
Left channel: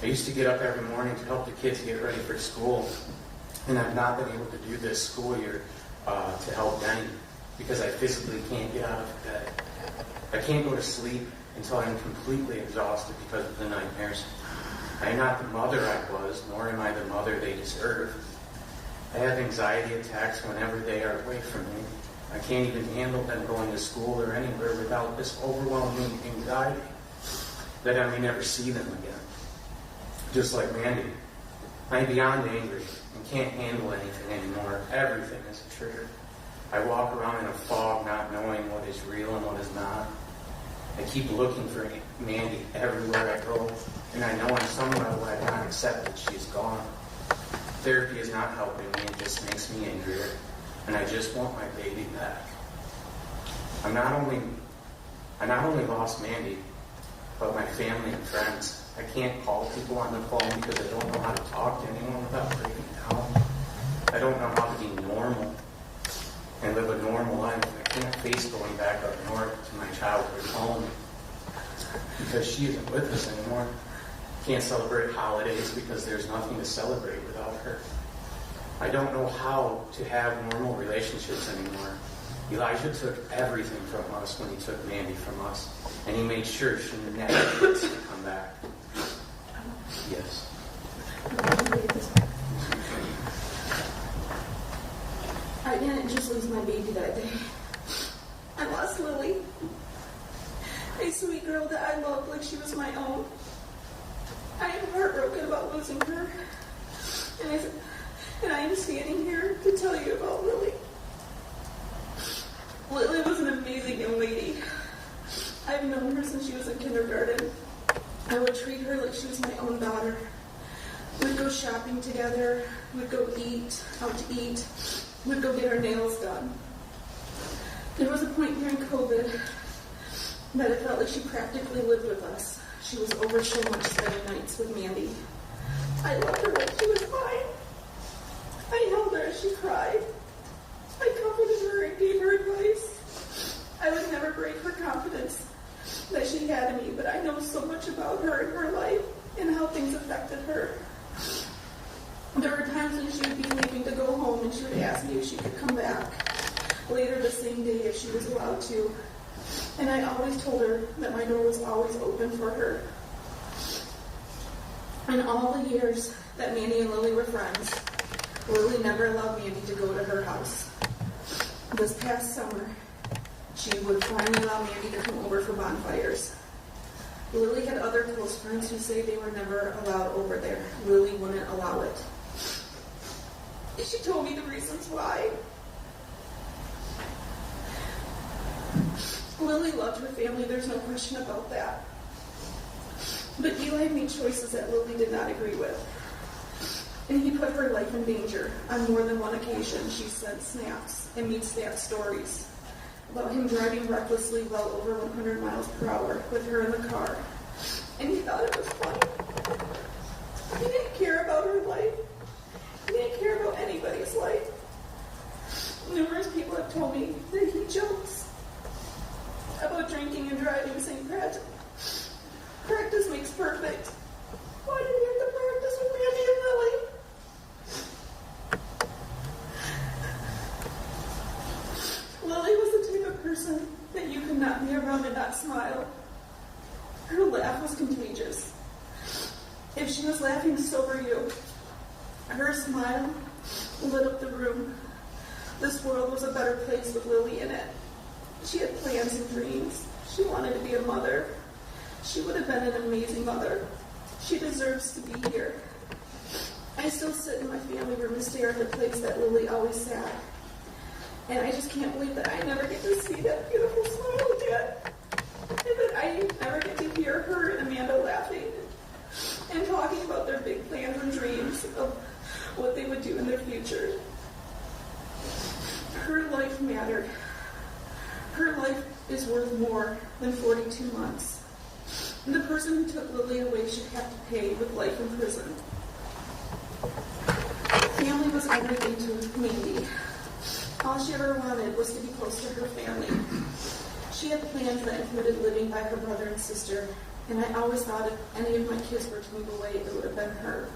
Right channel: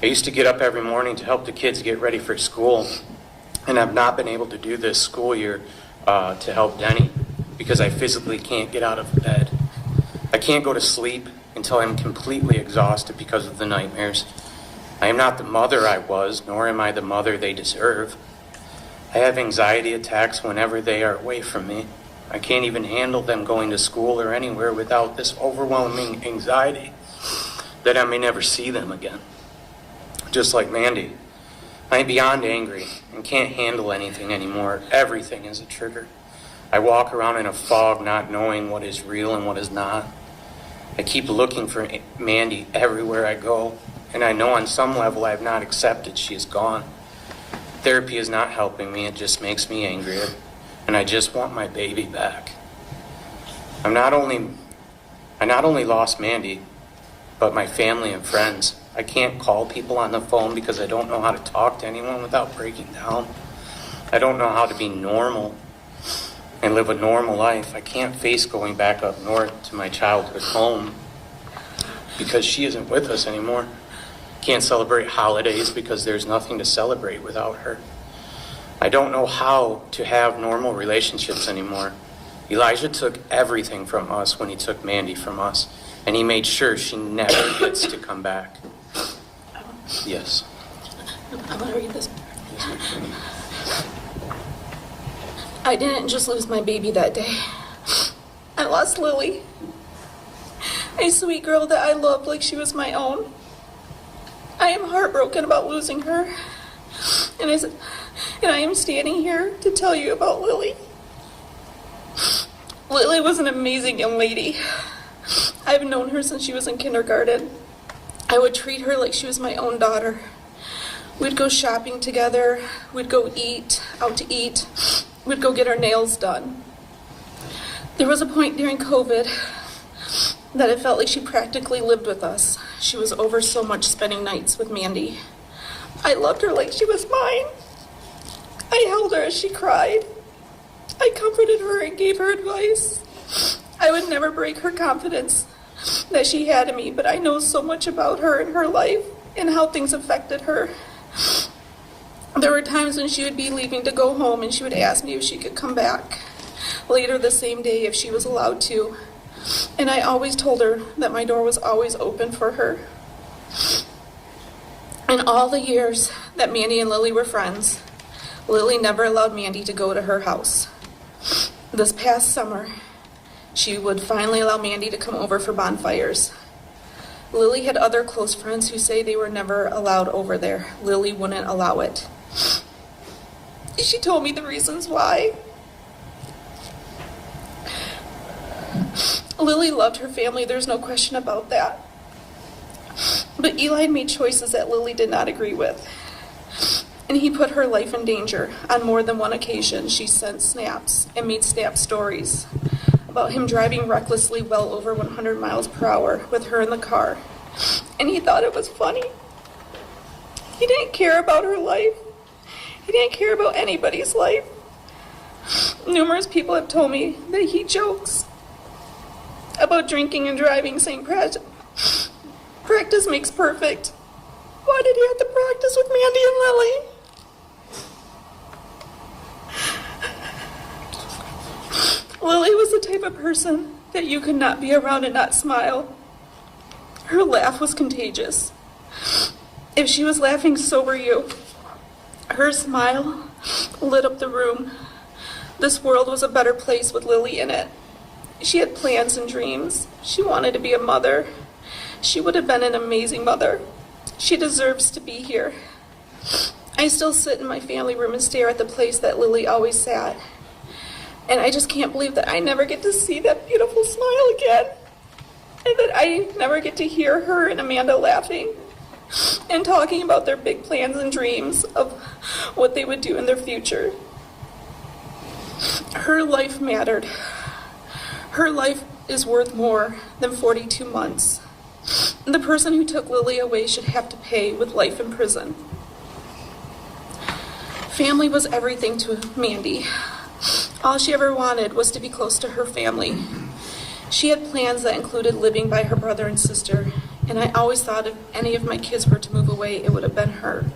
I used to get up every morning to help the kids get ready for school, and I've not been able to do this school year to help Denny because I physically can't get out of bed. I can't go to sleep until I'm completely exhausted because of the nightmares. I am not the mother I was, nor am I the mother they deserve. I have anxiety attacks whenever they are away from me. I can't even handle them going to school or anywhere without this overwhelming anxiety that I may never see them again. Just like Mandy, I'm beyond angry and can't handle anything anymore. Everything is a trigger. I walk around in a fog not knowing what is real and what is not. I keep looking for Mandy everywhere I go, and I know on some level I have not accepted she is gone. Therapy is not helping me, it just makes me angrier, and I just want my baby back. I not only lost Mandy, but my family and friends. I can't call people on the phone because I don't know how to talk to anyone without breaking down. I don't know how to be normal and live a normal life. I can't face going back up north to my childhood home because she isn't with us anymore. Can't celebrate holidays because there's nothing to celebrate without her. I don't know how to have normal relationships anymore. Elijah took everything from us when he took Mandy from us, and he made sure she never gets to come back. Yes. I want to read this. I didn't just lose my baby that day. I lost Lily, a sweet girl that I loved like she was my own. I am heartbroken about losing her, and I am standing here to tell you about Lily. Lily was an amazing young lady. I've known her since she was in kindergarten. I would treat her like she was my own daughter. We'd go shopping together. We'd go out to eat. We'd go get our nails done. There was a point during COVID that it felt like she practically lived with us. She was over so much spending nights with Mandy. I loved her like she was mine. I held her as she cried. I comforted her and gave her advice. I would never break her confidence that she had in me, but I know so much about her and her life and how things affected her. There were times when she would be leaving to go home and she would ask me if she could come back later the same day if she was allowed to. And I always told her that my door was always open for her. In all the years that Mandy and Lily were friends, Lily never allowed Mandy to go to her house. This past summer, she would finally allow Mandy to come over for bonfires. Lily had other close friends who say they were never allowed over there. Lily wouldn't allow it. She told me the reasons why. Lily loved her family, there's no question about that. But Eli made choices that Lily did not agree with. and he put her life in danger. On more than one occasion, she sent snaps and made snap stories about him driving recklessly well over 100 miles per hour with her in the car, and he thought it was funny. He didn't care about her life. He didn't care about anybody's life. Numerous people have told me that he jokes about drinking and driving, saying practice makes perfect. Why did he have to practice with Mandy and Lily? Lily was the type of person that you could not be around and not smile. Her laugh was contagious. If she was laughing, so were you. Her smile lit up the room. This world was a better place with Lily in it. She had plans and dreams. She wanted to be a mother. She would have been an amazing mother. She deserves to be here. I still sit in my family room and stare at the place that Lily always sat. And I just can't believe that I never get to see that beautiful smile again. And that I never get to hear her and Amanda laughing and talking about their big plans and dreams of what they would do in their future. Her life mattered. Her life is worth more than 42 months. The person who took Lily away should have to pay with life in prison. Family was everything to Mandy. All she ever wanted was to be close to her family. She had plans that included living by her brother and sister, and I always thought if any of my kids were to move away, it would have been her.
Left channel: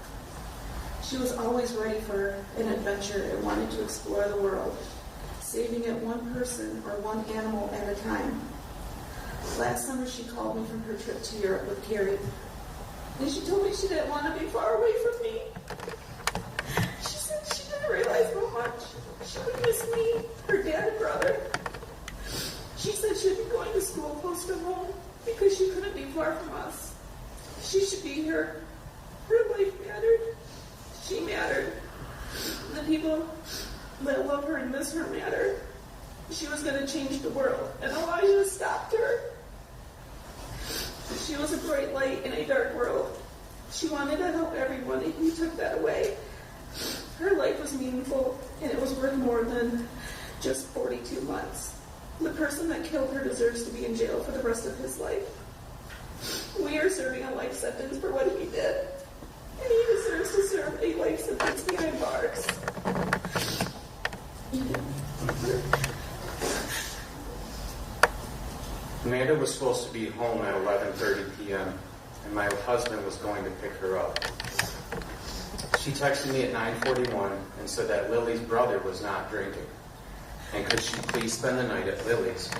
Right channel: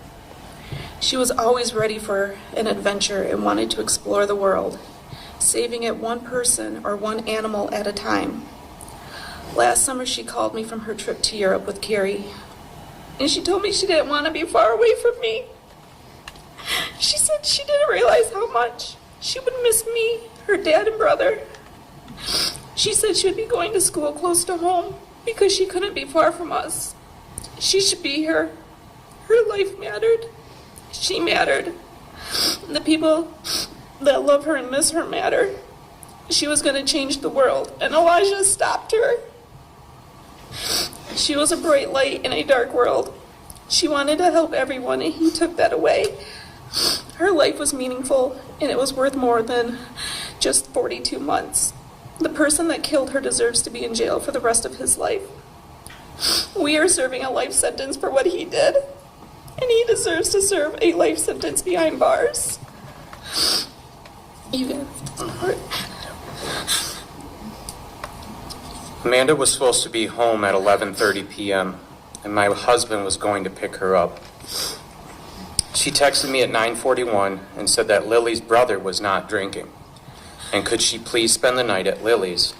She was always ready for an adventure and wanted to explore the world, saving it one person or one animal at a time. Last summer, she called me from her trip to Europe with Carrie, and she told me she didn't want to be far away from me. She said she didn't realize how much she would miss me, her dad and brother. She said she would be going to school close to home because she couldn't be far from us. She should be here. Her life mattered. She mattered. The people that love her and miss her mattered. She was going to change the world, and Elijah stopped her. She was a bright light in a dark world. She wanted to help everyone, and he took that away. Her life was meaningful, and it was worth more than just 42 months. The person that killed her deserves to be in jail for the rest of his life. We are serving a life sentence for what he did, and he deserves to serve a life sentence behind bars. Amanda was supposed to be home at 11:30 p.m., and my husband was going to pick her up. She texted me at 9:41 and said that Lily's brother was not drinking, and could she please spend the night at Lily's,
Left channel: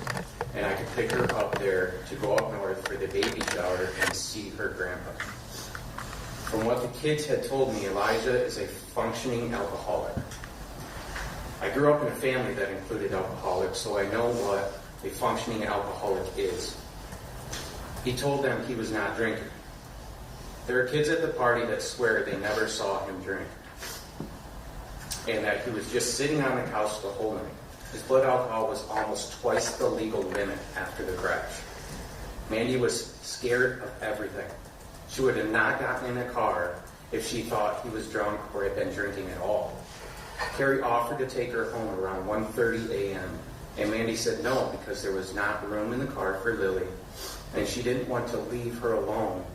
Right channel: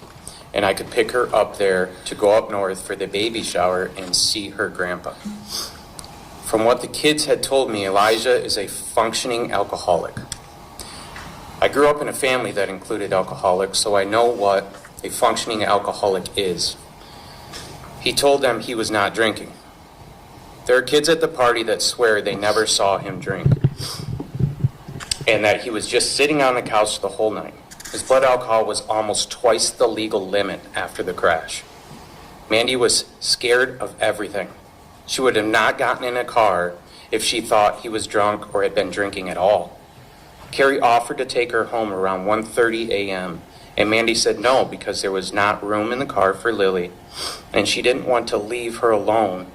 and I could pick her up there to go up north for the baby shower and see her grandpa. From what the kids had told me, Elijah is a functioning alcoholic. I grew up in a family that included alcoholics, so I know what a functioning alcoholic is. He told them he was not drinking. There are kids at the party that swear they never saw him drink, and that he was just sitting on the couch the whole night. His blood alcohol was almost twice the legal limit after the crash. Mandy was scared of everything. She would have not gotten in a car if she thought he was drunk or had been drinking at all. Carrie offered to take her home around 1:30 a.m., and Mandy said no because there was not room in the car for Lily, and she didn't want to leave her alone,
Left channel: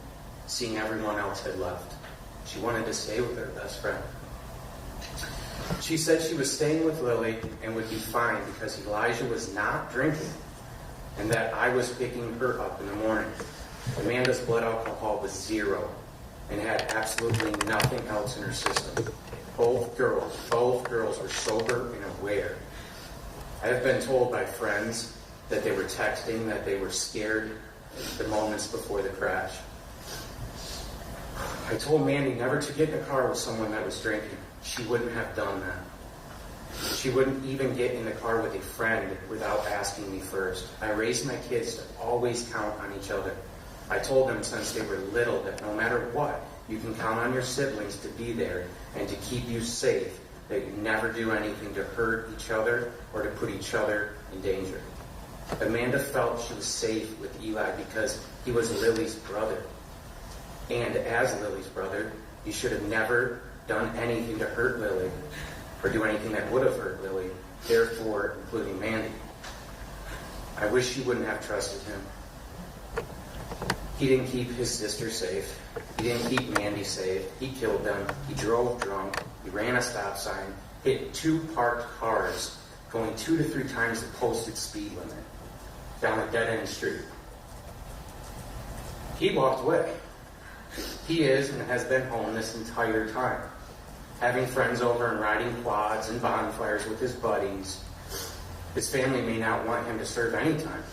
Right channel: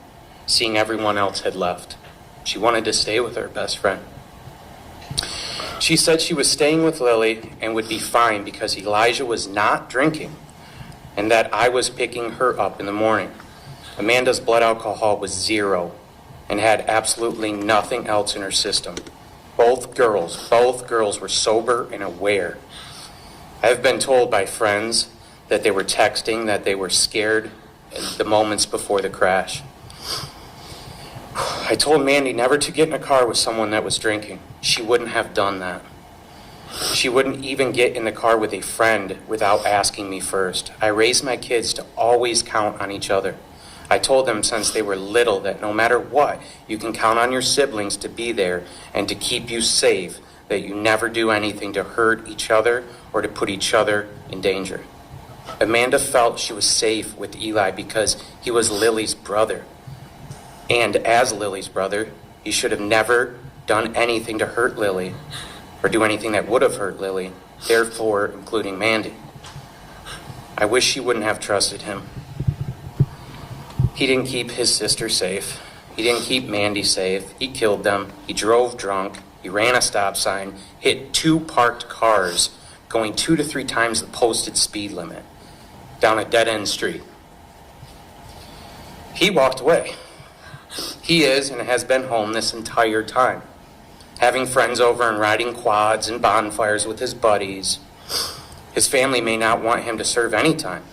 seeing everyone else had left. She wanted to stay with her best friend. She said she was staying with Lily and would be fine because Elijah was not drinking, and that I was picking her up in the morning. Amanda's blood alcohol was 0 and had absolutely nothing else in her system. Both girls were sober and aware. I have been told by friends that they were texting, that they were scared the moments before the crash. I told Mandy never to get in a car with someone that was drinking. She wouldn't have done that. She wouldn't even get in the car with a friend without asking me first. I raised my kids to always count on each other. I told them since they were little that no matter what, you can count on your siblings to be there and to keep you safe, that you never do anything to hurt each other or to put each other in danger. Amanda felt she was safe with Eli because he was Lily's brother. And as Lily's brother, he should have never done anything to hurt Lily or do anything that would have hurt Lily, therefore including Mandy. I wish she wouldn't have trusted him. He didn't keep his sister safe. He didn't keep Mandy safe. He killed them. He drove drunk. He ran a stop sign, hit 2 parked cars going 2 to 3 times the posted speed limit down a dead-end street. He walked away. He is and has been home this entire time, having friends over and riding quads and bonfires with his buddies. His family may not want him to serve any time,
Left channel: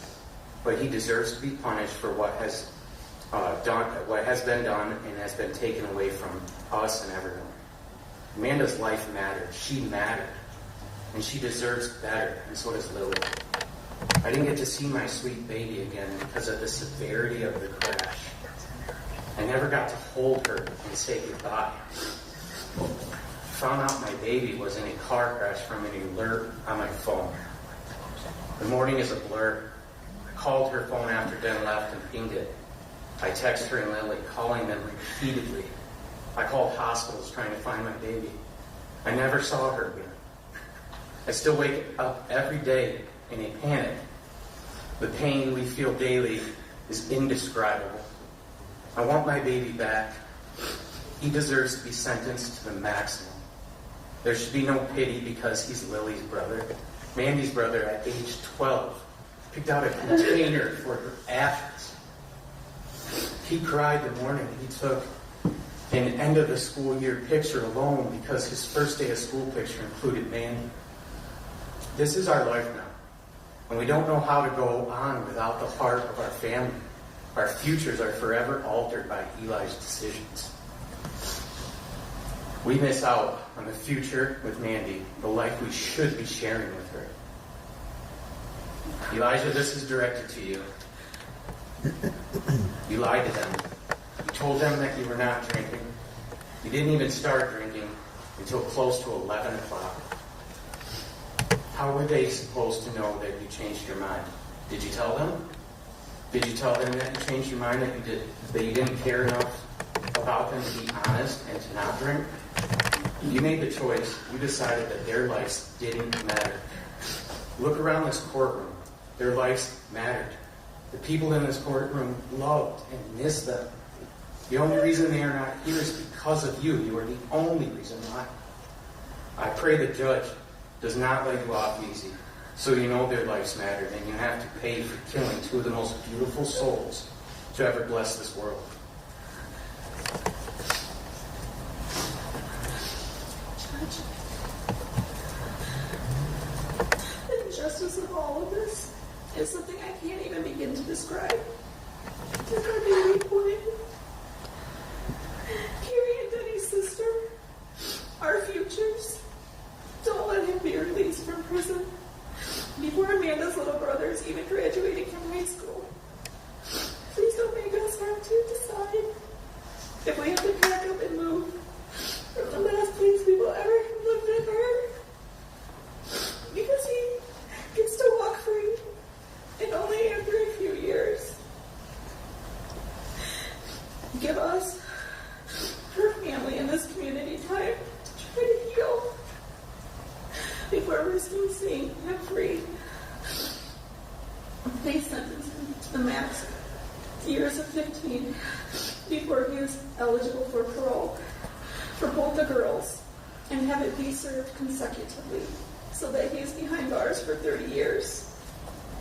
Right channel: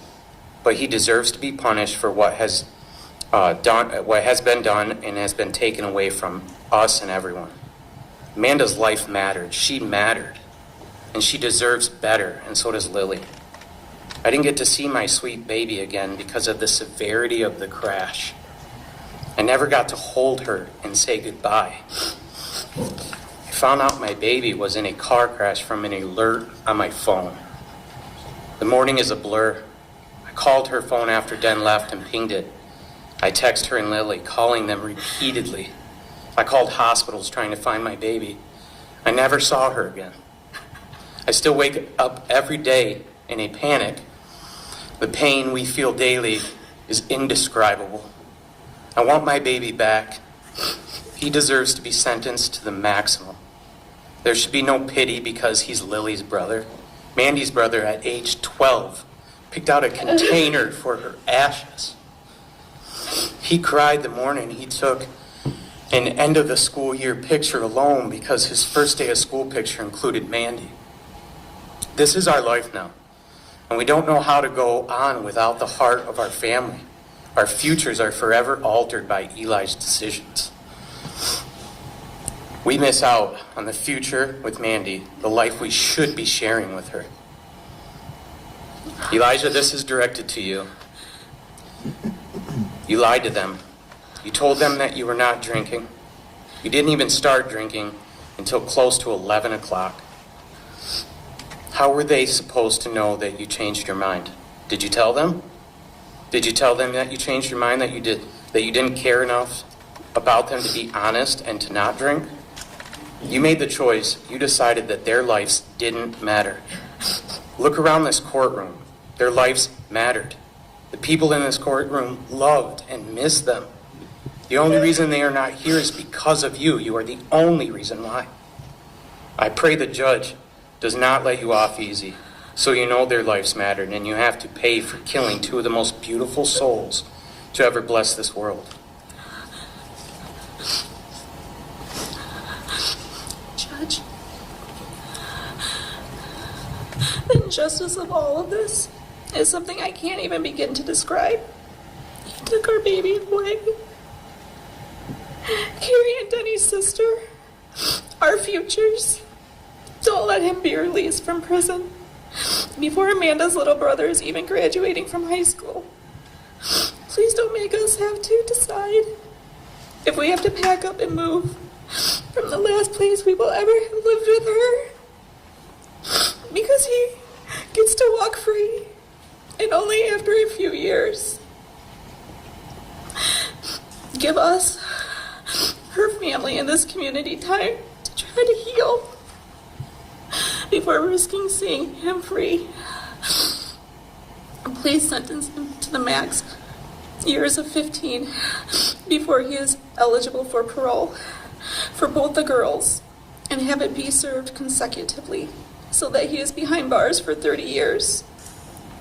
but he deserves to be punished for what has been done and has been taken away from us and everyone. Amanda's life mattered. She mattered. And she deserves better, and so does Lily. I didn't get to see my sweet baby again because of the severity of the crash. I never got to hold her and say goodbye. I found out my baby was in a car crash from an alert on my phone. The morning is a blur. I called her phone after Den left and pinged it. I text her and Lily, calling them repeatedly. I called hospitals trying to find my baby. I never saw her again. I still wake up every day in a panic. The pain we feel daily is indescribable. I want my baby back. He deserves to be sentenced to the maximum. There should be no pity because he's Lily's brother. Mandy's brother at age 12 picked out a container for her ashes. He cried the morning he took an end of the school year picture alone because his first day of school picture included Mandy. This is our life now, and we don't know how to go on without the heart of our family. Our futures are forever altered by Eli's decisions. We miss out on the future with Mandy, the life we should be sharing with her. Elijah, this is directed to you. You lied to them. You told them that you were not drinking. You didn't even start drinking until close to 11 o'clock. How were they supposed to know that you changed your mind? Did you tell them? Did you tell them that you changed your mind, that you didn't care enough about them to be honest and to not drink? You made the choice. You decided that their lives didn't matter. Look around this courtroom. Their lives mattered. The people in this courtroom loved and missed them. The only reason they are not here is because of you. You are the only reason why. I pray the judge does not let you off easy, so you know their lives mattered, and you have to pay for killing 2 of the most beautiful souls to ever bless this world. Judge, the injustice of all of this is something I can't even begin to describe. He took our baby away. Carrie and Denny's sister, our futures. Don't let him be released from prison before Amanda's little brother is even graduating from high school. Please don't make us have to decide if we have to pack up and move from the last place we will ever have lived with her, because he gets to walk free, and only after a few years. Give us, her family, and this community time to try to heal before risking seeing him free. Please sentence him to the max years of 15 before he is eligible for parole for both the girls, and have it be served consecutively so that he is behind bars for 30 years.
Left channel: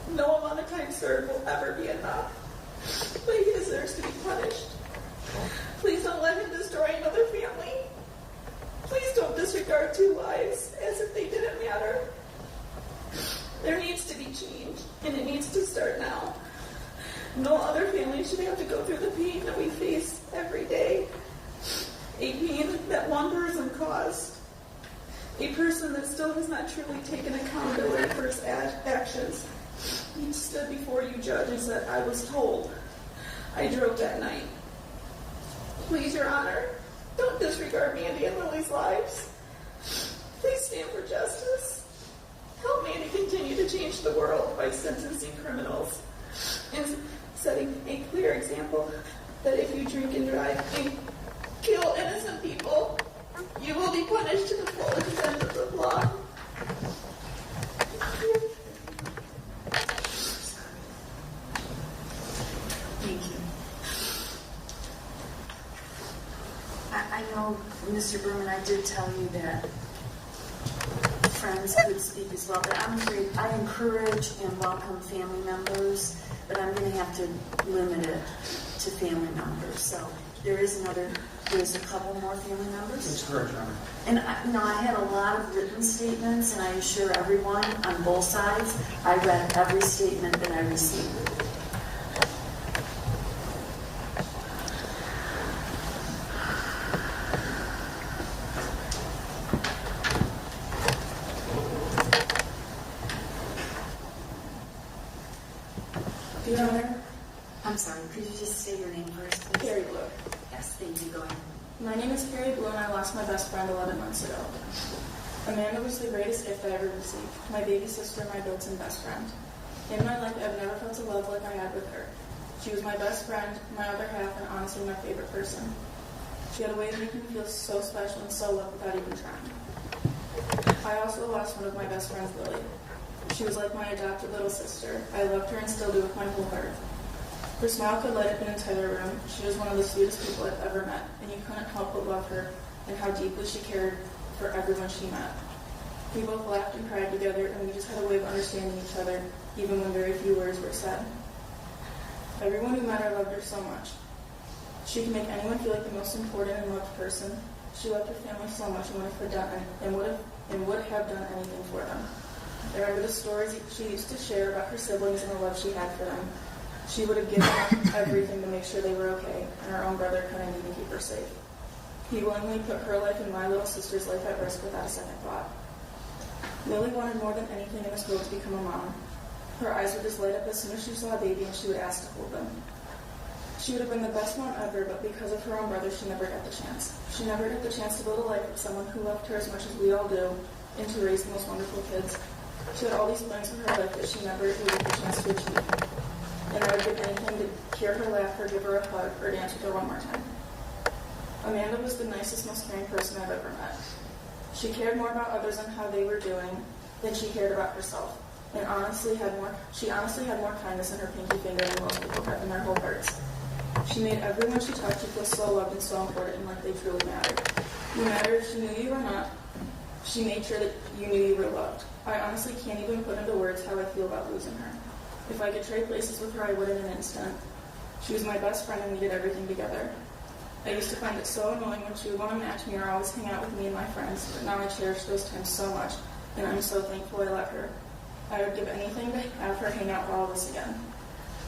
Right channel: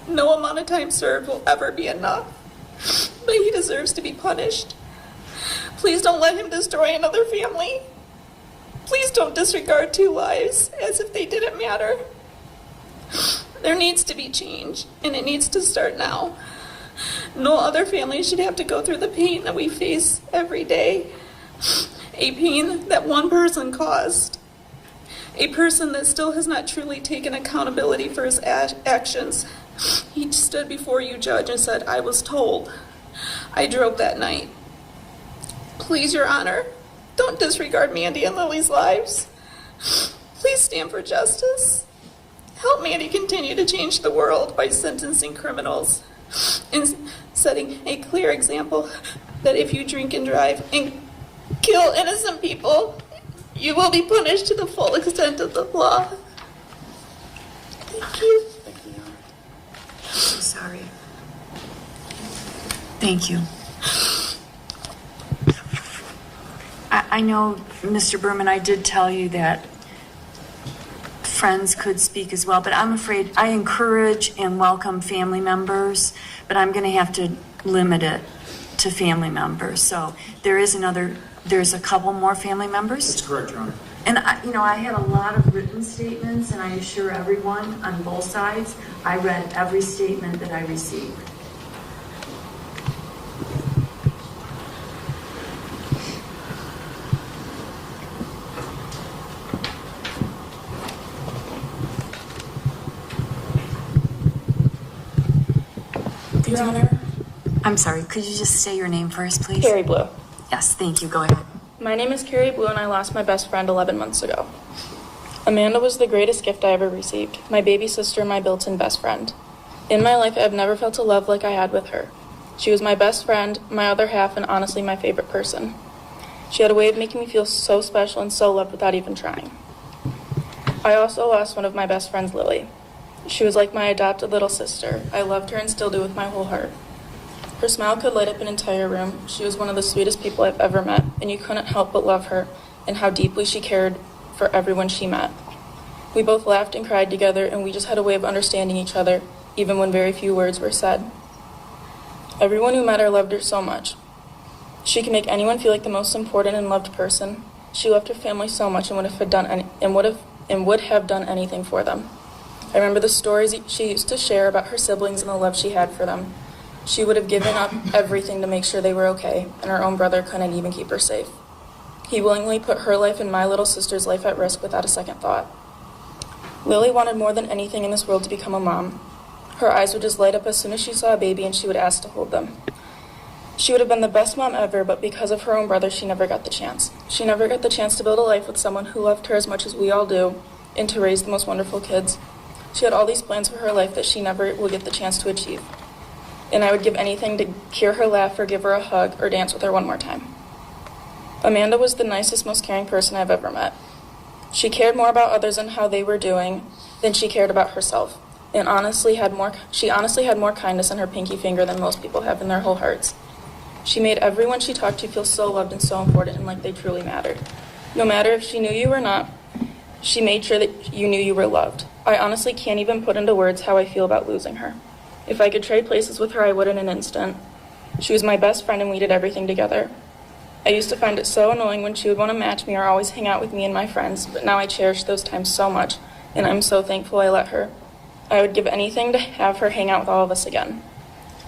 No amount of time served will ever be enough, but he deserves to be punished. Please don't let him destroy another family. Please don't disregard 2 lives as if they didn't matter. There needs to be change, and it needs to start now. No other family should have to go through the pain that we face every day. A pain that one person caused. A person that still has not truly taken accountability for his actions. He stood before you, Judge, and said, "I was told. I drove that night." Please, Your Honor, don't disregard Mandy and Lily's lives. Please stand for justice. Help Mandy continue to change the world by sentencing criminals and setting a clear example that if you drink and drive and kill innocent people, You will be punished to the full extent of the law. Thank you. So sorry. Thank you. I know, Mr. Berman, I did tell you that friends could speak as well, but I'm afraid I encourage and welcome family members, but I'm going to have to limit it to family members. So there's a couple more family members. That's correct, Your Honor. And I had a lot of written statements, and I assure everyone on both sides, I read every statement that I received. Your Honor. I'm sorry, could you just say your name first, please? Carrie Blue. Yes, thank you. Go ahead. My name is Carrie Blue, and I lost my best friend 11 months ago. Amanda was the greatest gift I ever received, my baby sister and my built-in best friend. In my life, I have never felt a love like I had with her. She was my best friend, my other half, and honestly my favorite person. She had a way of making me feel so special and so loved without even trying. I also lost one of my best friends, Lily. She was like my adopted little sister. I loved her and still do with my whole heart. Her smile could light up an entire room. She was one of the sweetest people I've ever met, and you couldn't help but love her and how deeply she cared for everyone she met. We both laughed and cried together, and we just had a way of understanding each other, even when very few words were said. Everyone who met her loved her so much. She could make anyone feel like the most important and loved person. She loved her family so much and would have done anything for them. I remember the stories she used to share about her siblings and the love she had for them. She would have given up everything to make sure they were okay, and her own brother couldn't even keep her safe. He willingly put her life and my little sister's life at risk without a second thought. Lily wanted more than anything in this world to become a mom. Her eyes would just light up as soon as she saw a baby, and she would ask to hold them. She would have been the best mom ever, but because of her own brother, she never got the chance. She never got the chance to build a life with someone who loved her as much as we all do, and to raise the most wonderful kids. She had all these plans for her life that she never would get the chance to achieve. And I would give anything to hear her laugh or give her a hug or dance with her one more time. Amanda was the nicest, most caring person I've ever met. She cared more about others and how they were doing than she cared about herself, and she honestly had more kindness in her pinky finger than most people have in their whole hearts. She made everyone she talked to feel so loved and so important and like they truly mattered. No matter if she knew you or not, she made sure that you knew you were loved. I honestly can't even put into words how I feel about losing her. If I could trade places with her, I would in an instant. She was my best friend and we did everything together. I used to find it so annoying when she would want to match me or always hang out with me and my friends, but now I cherish those times so much, and I'm so thankful I let her. I would give anything to have her hang out with all of us again.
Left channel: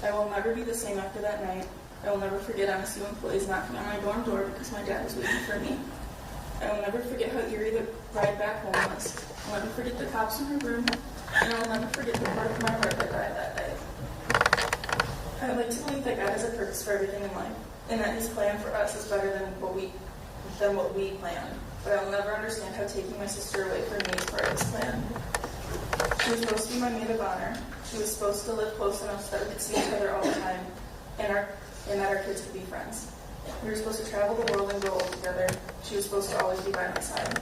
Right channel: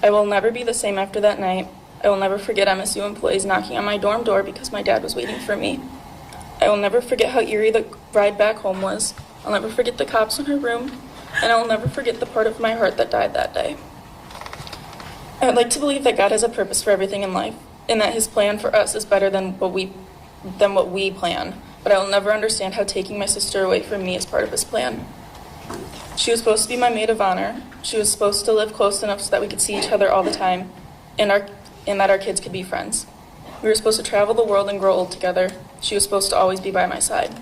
I will never be the same after that night. I will never forget MSU employees knocking on my dorm door because my dad was waiting for me. I will never forget how eerie the ride back home was. I'll never forget the cops in her room, and I'll never forget the part of my heart that died that day. I would like to believe that God has a purpose for everything in life, and that his plan for us is better than what we planned, but I will never understand how taking my sister away from me is part of his plan. She was supposed to be my maid of honor. She was supposed to live close enough so that we could see each other all the time, and that our kids could be friends. We were supposed to travel the world and grow old together. She was supposed to always be by my side.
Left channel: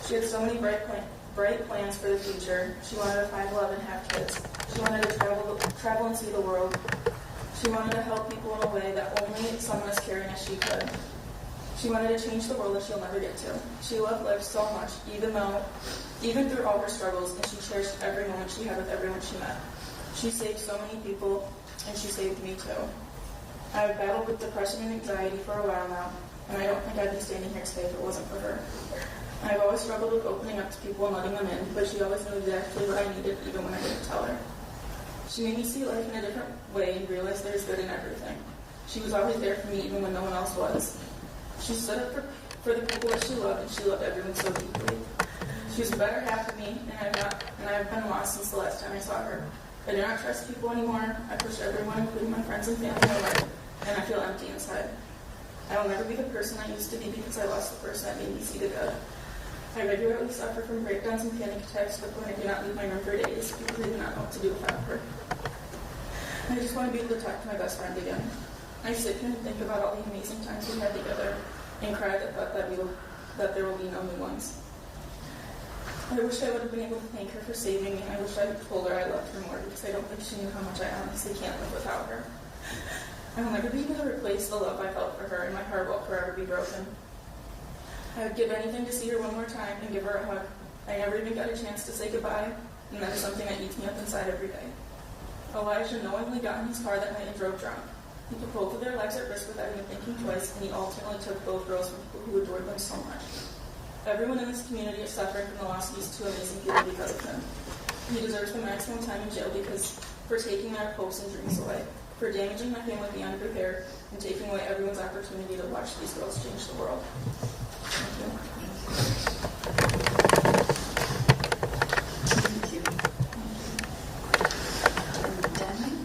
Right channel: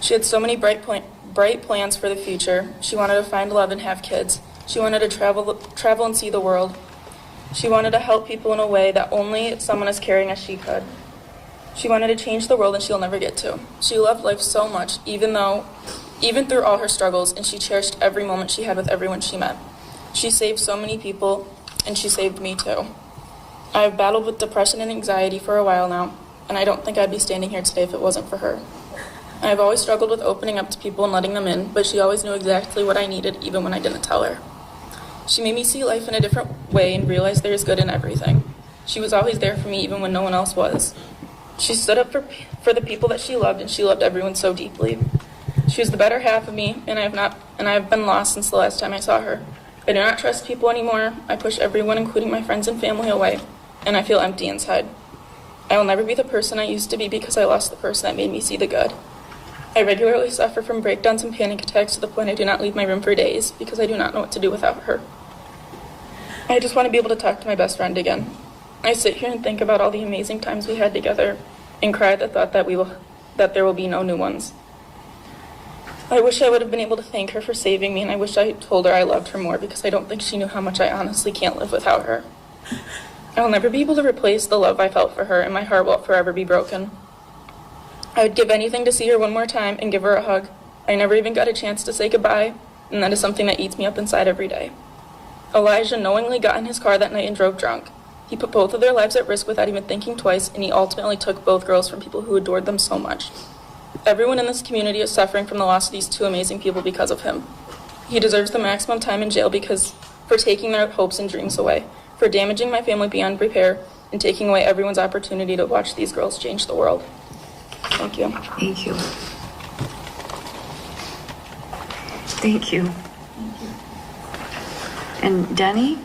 She had so many bright plans for the future. She wanted to find love and have kids. She wanted to travel and see the world. She wanted to help people in a way that only someone as caring as she could. She wanted to change the world, and she'll never get to. She loved life so much, even through all her struggles, and she cherished every moment she had with everyone she met. She saved so many people, and she saved me too. I have battled with depression and anxiety for a while now, and I don't think I'd be standing here today if it wasn't for her. I have always struggled with opening up to people and letting them in, but she always knew exactly what I needed, even when I didn't tell her. She made me see life in a different way and realize there is good in everything. She was always there for me, even when no one else was. She stood up for the people that she loved, and she loved everyone so deeply. She was the better half of me, and I have been lost since the last time I saw her. I do not trust people anymore. I push everyone, including my friends and family, away, and I feel empty inside. I will never be the person I used to be because I lost the person that made me see the good. I regularly suffer from breakdowns and panic attacks to the point I do not leave my room for days because I do not know what to do without her. I just want to be able to talk to my best friend again. I sit here and think about all the amazing times we had together and cry at the thought that that there will be no new ones. I wish I would have been able to thank her for saving me, and I wish I told her I loved her more, because I don't think she knew how much I honestly can't live without her. I'll never be able to replace the love I felt for her, and my heart will forever be broken. I would give anything to see her one more time and give her a hug. I never even got a chance to say goodbye, and that is something that eats me up inside every day. Elijah knowingly got in his car that night and drove drunk. He put both of their lives at risk without even thinking twice, and he ultimately took both girls from people who adored them so much. Everyone in this community is suffering from the loss of these two amazing people because of him. He deserves the maximum time in jail for taking their hopes and dreams away, for damaging my family beyond repair, and taking away everyone's opportunity to watch these girls change the world. Thank you. Thank you. Thank you. And Denny?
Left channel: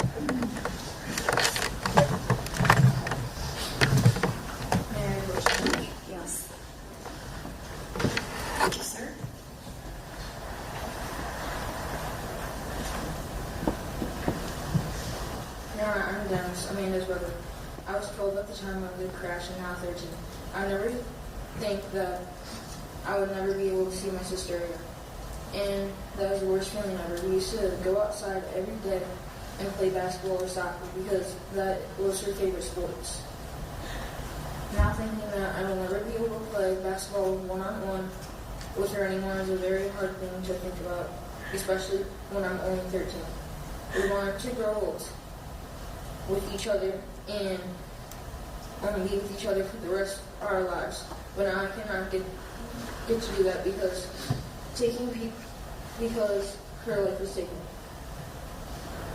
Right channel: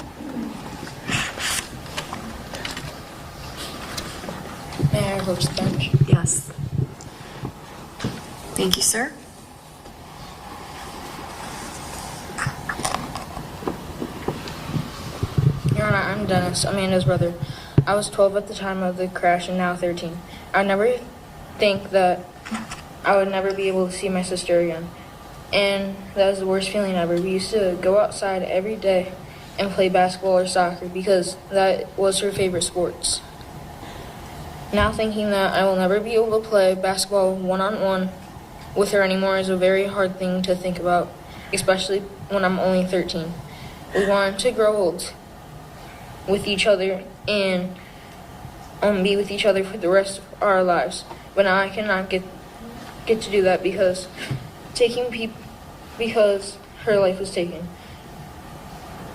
May I approach the bench? Yes. Thank you, sir. Your Honor, I'm Dennis, Amanda's brother. I was 12 at the time of the crash and now 13. I never think that I would never be able to see my sister again. And that was the worst feeling ever. We used to go outside every day and play basketball or soccer because that was her favorite sports. Now thinking that I will never be able to play basketball one-on-one with her anymore is a very hard thing to think about, especially when I'm only 13. We wanted to grow old with each other and be with each other for the rest of our lives. But now I cannot get to do that because her life was taken.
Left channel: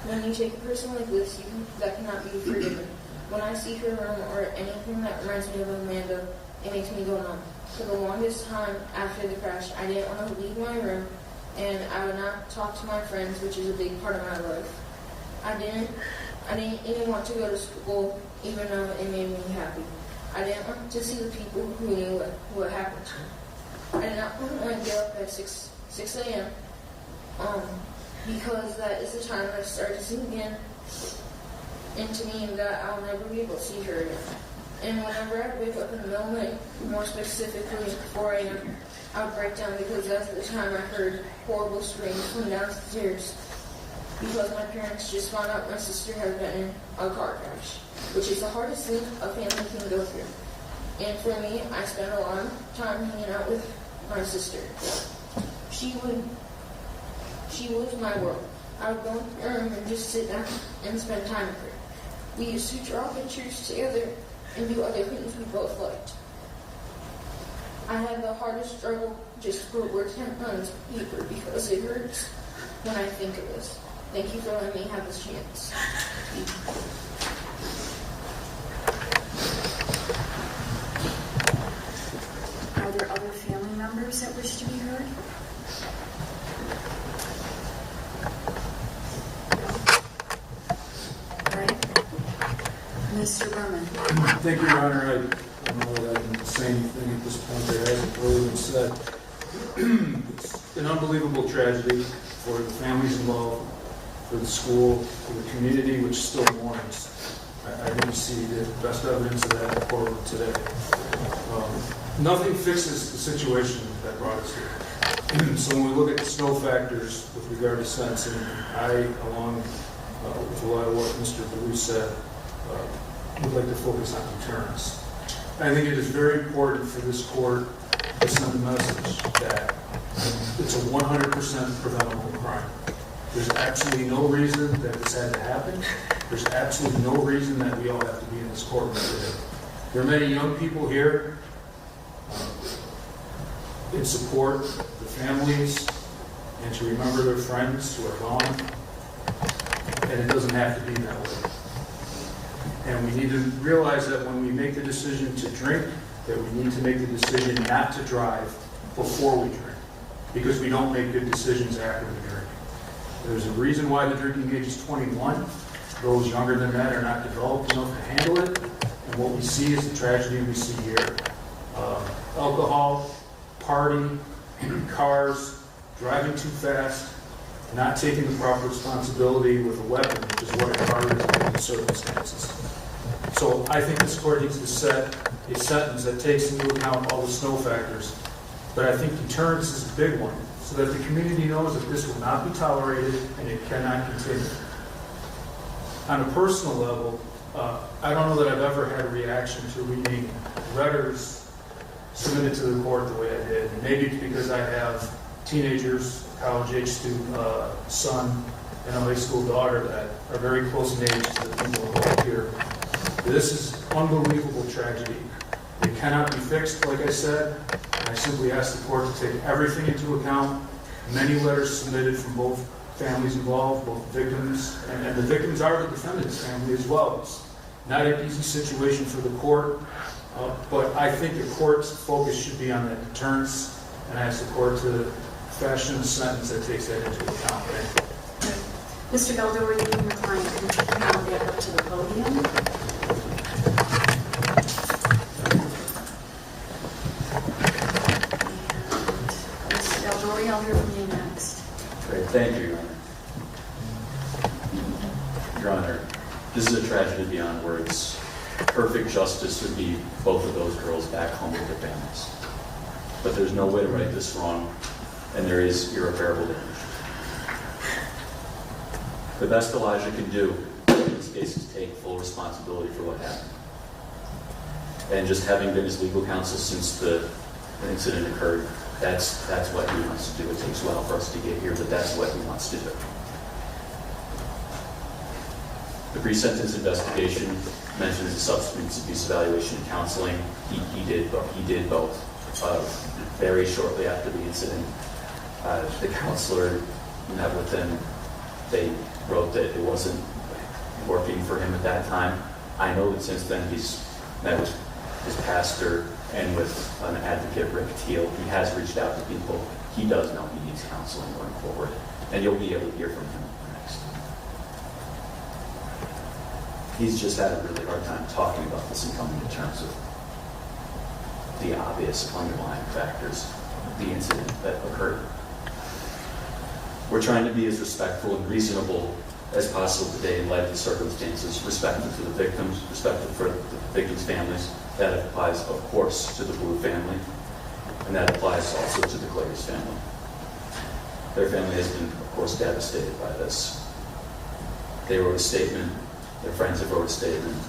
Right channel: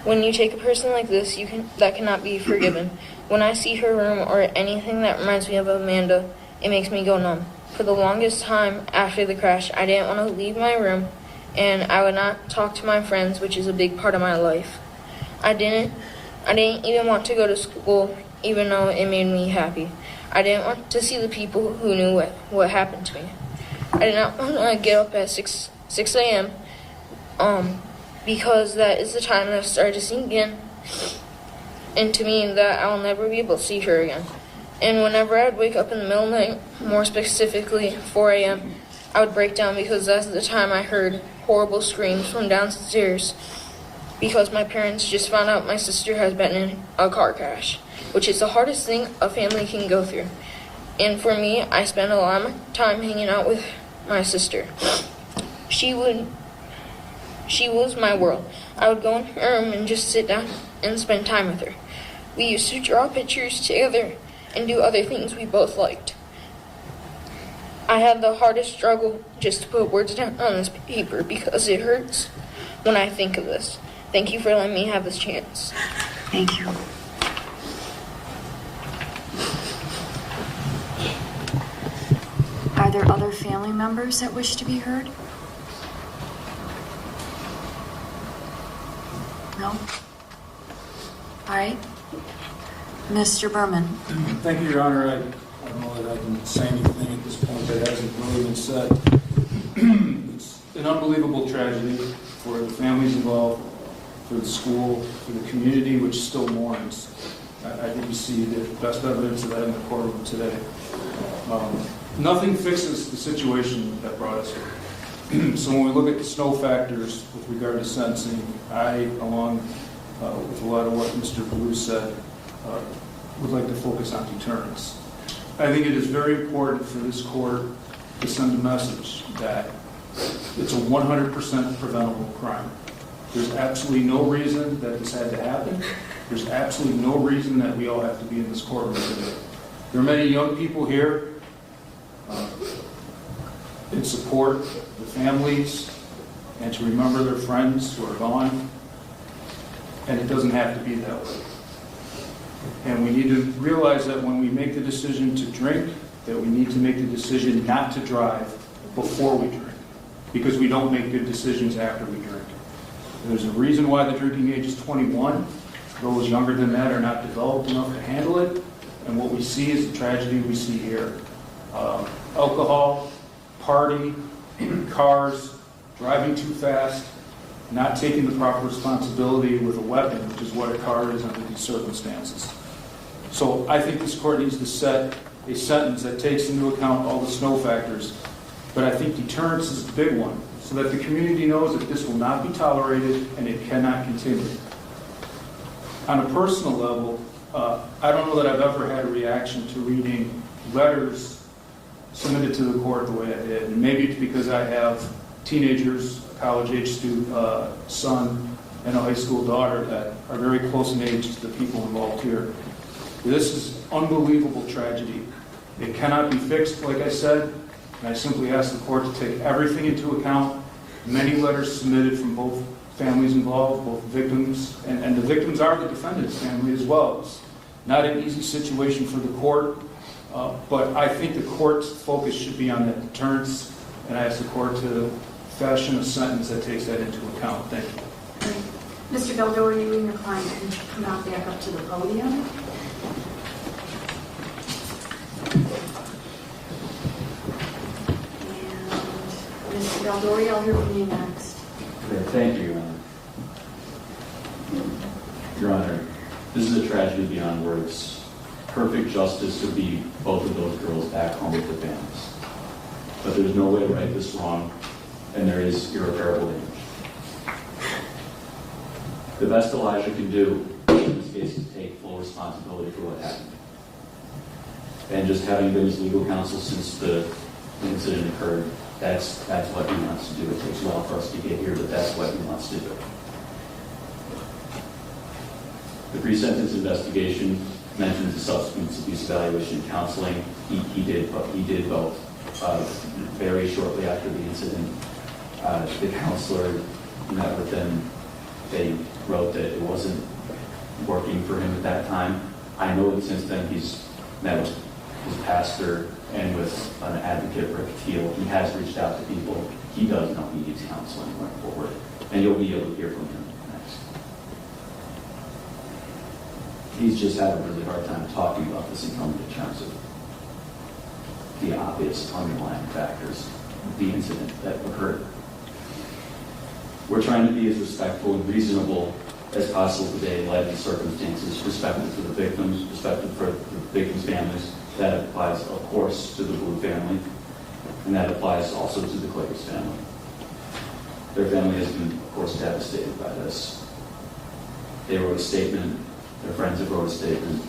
When you take a person like this, that cannot be forgiven. When I see her room or anything that reminds me of Amanda, it makes me go numb. For the longest time after the crash, I didn't want to leave my room, and I would not talk to my friends, which is a big part of my life. I didn't even want to go to school, even though it made me happy. I didn't want to see the people who knew what happened to me. I did not want to get up at 6 a.m. Because that is the time that started to sink into me that I will never be able to see her again. And whenever I'd wake up in the middle of the night, more specifically 4 a.m., I would break down because that's the time I heard horrible screams from downstairs because my parents just found out my sister has been in a car crash, which is the hardest thing a family can go through. And for me, I spent a lot of time hanging out with my sister. She was my world. I would go in her room and just sit down and spend time with her. We used to draw pictures together and do other things we both liked. I had the hardest struggle just to put words down on this paper because it hurts when I think of this. Thank you for letting me have this chance. Thank you. Are there other family members that wish to be heard? No? All right. Mr. Berman. Thank you, Your Honor. I don't know that I can say anything at this point that hasn't really been said. It's an unbelievable tragedy for the families involved, for the school, for the community, which still mourns. I think you see the best evidence of that in the courtroom today. Nothing fixes the situation that brought us here. So when we look at the snow factors with regard to sentencing, I, along with a lot of what Mr. Blue said, would like to focus on deterrence. I think it is very important for this court to send a message that it's a 100% preventable crime. There's absolutely no reason that this had to happen. There's absolutely no reason that we all have to be in this courtroom today. There are many young people here in support of the families and to remember their friends who are gone. And it doesn't have to be that way. And we need to realize that when we make the decision to drink, that we need to make the decision not to drive before we drink, because we don't make good decisions after we drink. There's a reason why the drinking age is 21. Those younger than that are not developed enough to handle it. And what we see is the tragedy we see here. Alcohol, party, cars, driving too fast, not taking the proper responsibility with a weapon, which is what a car is under these circumstances. So I think this court needs to set a sentence that takes into account all the snow factors. But I think deterrence is the big one, so that the community knows that this will not be tolerated and it cannot continue. On a personal level, I don't know that I've ever had a reaction to reading letters submitted to the court the way I did. And maybe it's because I have teenagers, college-age student son, and a high school daughter that are very close in age to the people involved here. This is unbelievable tragedy. It cannot be fixed, like I said, and I simply ask the court to take everything into account. Many letters submitted from both families involved, both victims, and the victims are the defendant's family as well. It's not an easy situation for the court, but I think the court's focus should be on that deterrence, and I ask the court to fashion a sentence that takes that into account. Thank you. Mr. Galdor, you and your client can come back up to the podium. And Mr. Galdor, I'll hear from you next. Great. Thank you, Your Honor. Your Honor, this is a tragedy beyond words. Perfect justice would be both of those girls back home with their families. But there's no way to right this wrong, and there is irreparable damage. The best Elijah can do in this case is take full responsibility for what happened. And just having been his legal counsel since the incident occurred, that's what he wants to do. It takes a while for us to get here, but that's what he wants to do. The pre-sentence investigation mentions the substance abuse evaluation and counseling. He did both. Very shortly after the incident, the counselor met with him. They wrote that it wasn't working for him at that time. I know that since then he's met with his pastor and with an advocate, Rick Teal. He has reached out to people. He does know he needs counseling going forward, and you'll be able to hear from him next. He's just had a really hard time talking about this and coming to terms with the obvious underlying factors of the incident that occurred. We're trying to be as respectful and reasonable as possible today in light of the circumstances, respectful to the victims, respectful for the victims' families. That applies, of course, to the Blue family, and that applies also to the Clay's family. Their family has been, of course, devastated by this. They wrote a statement. Their friends have wrote a statement.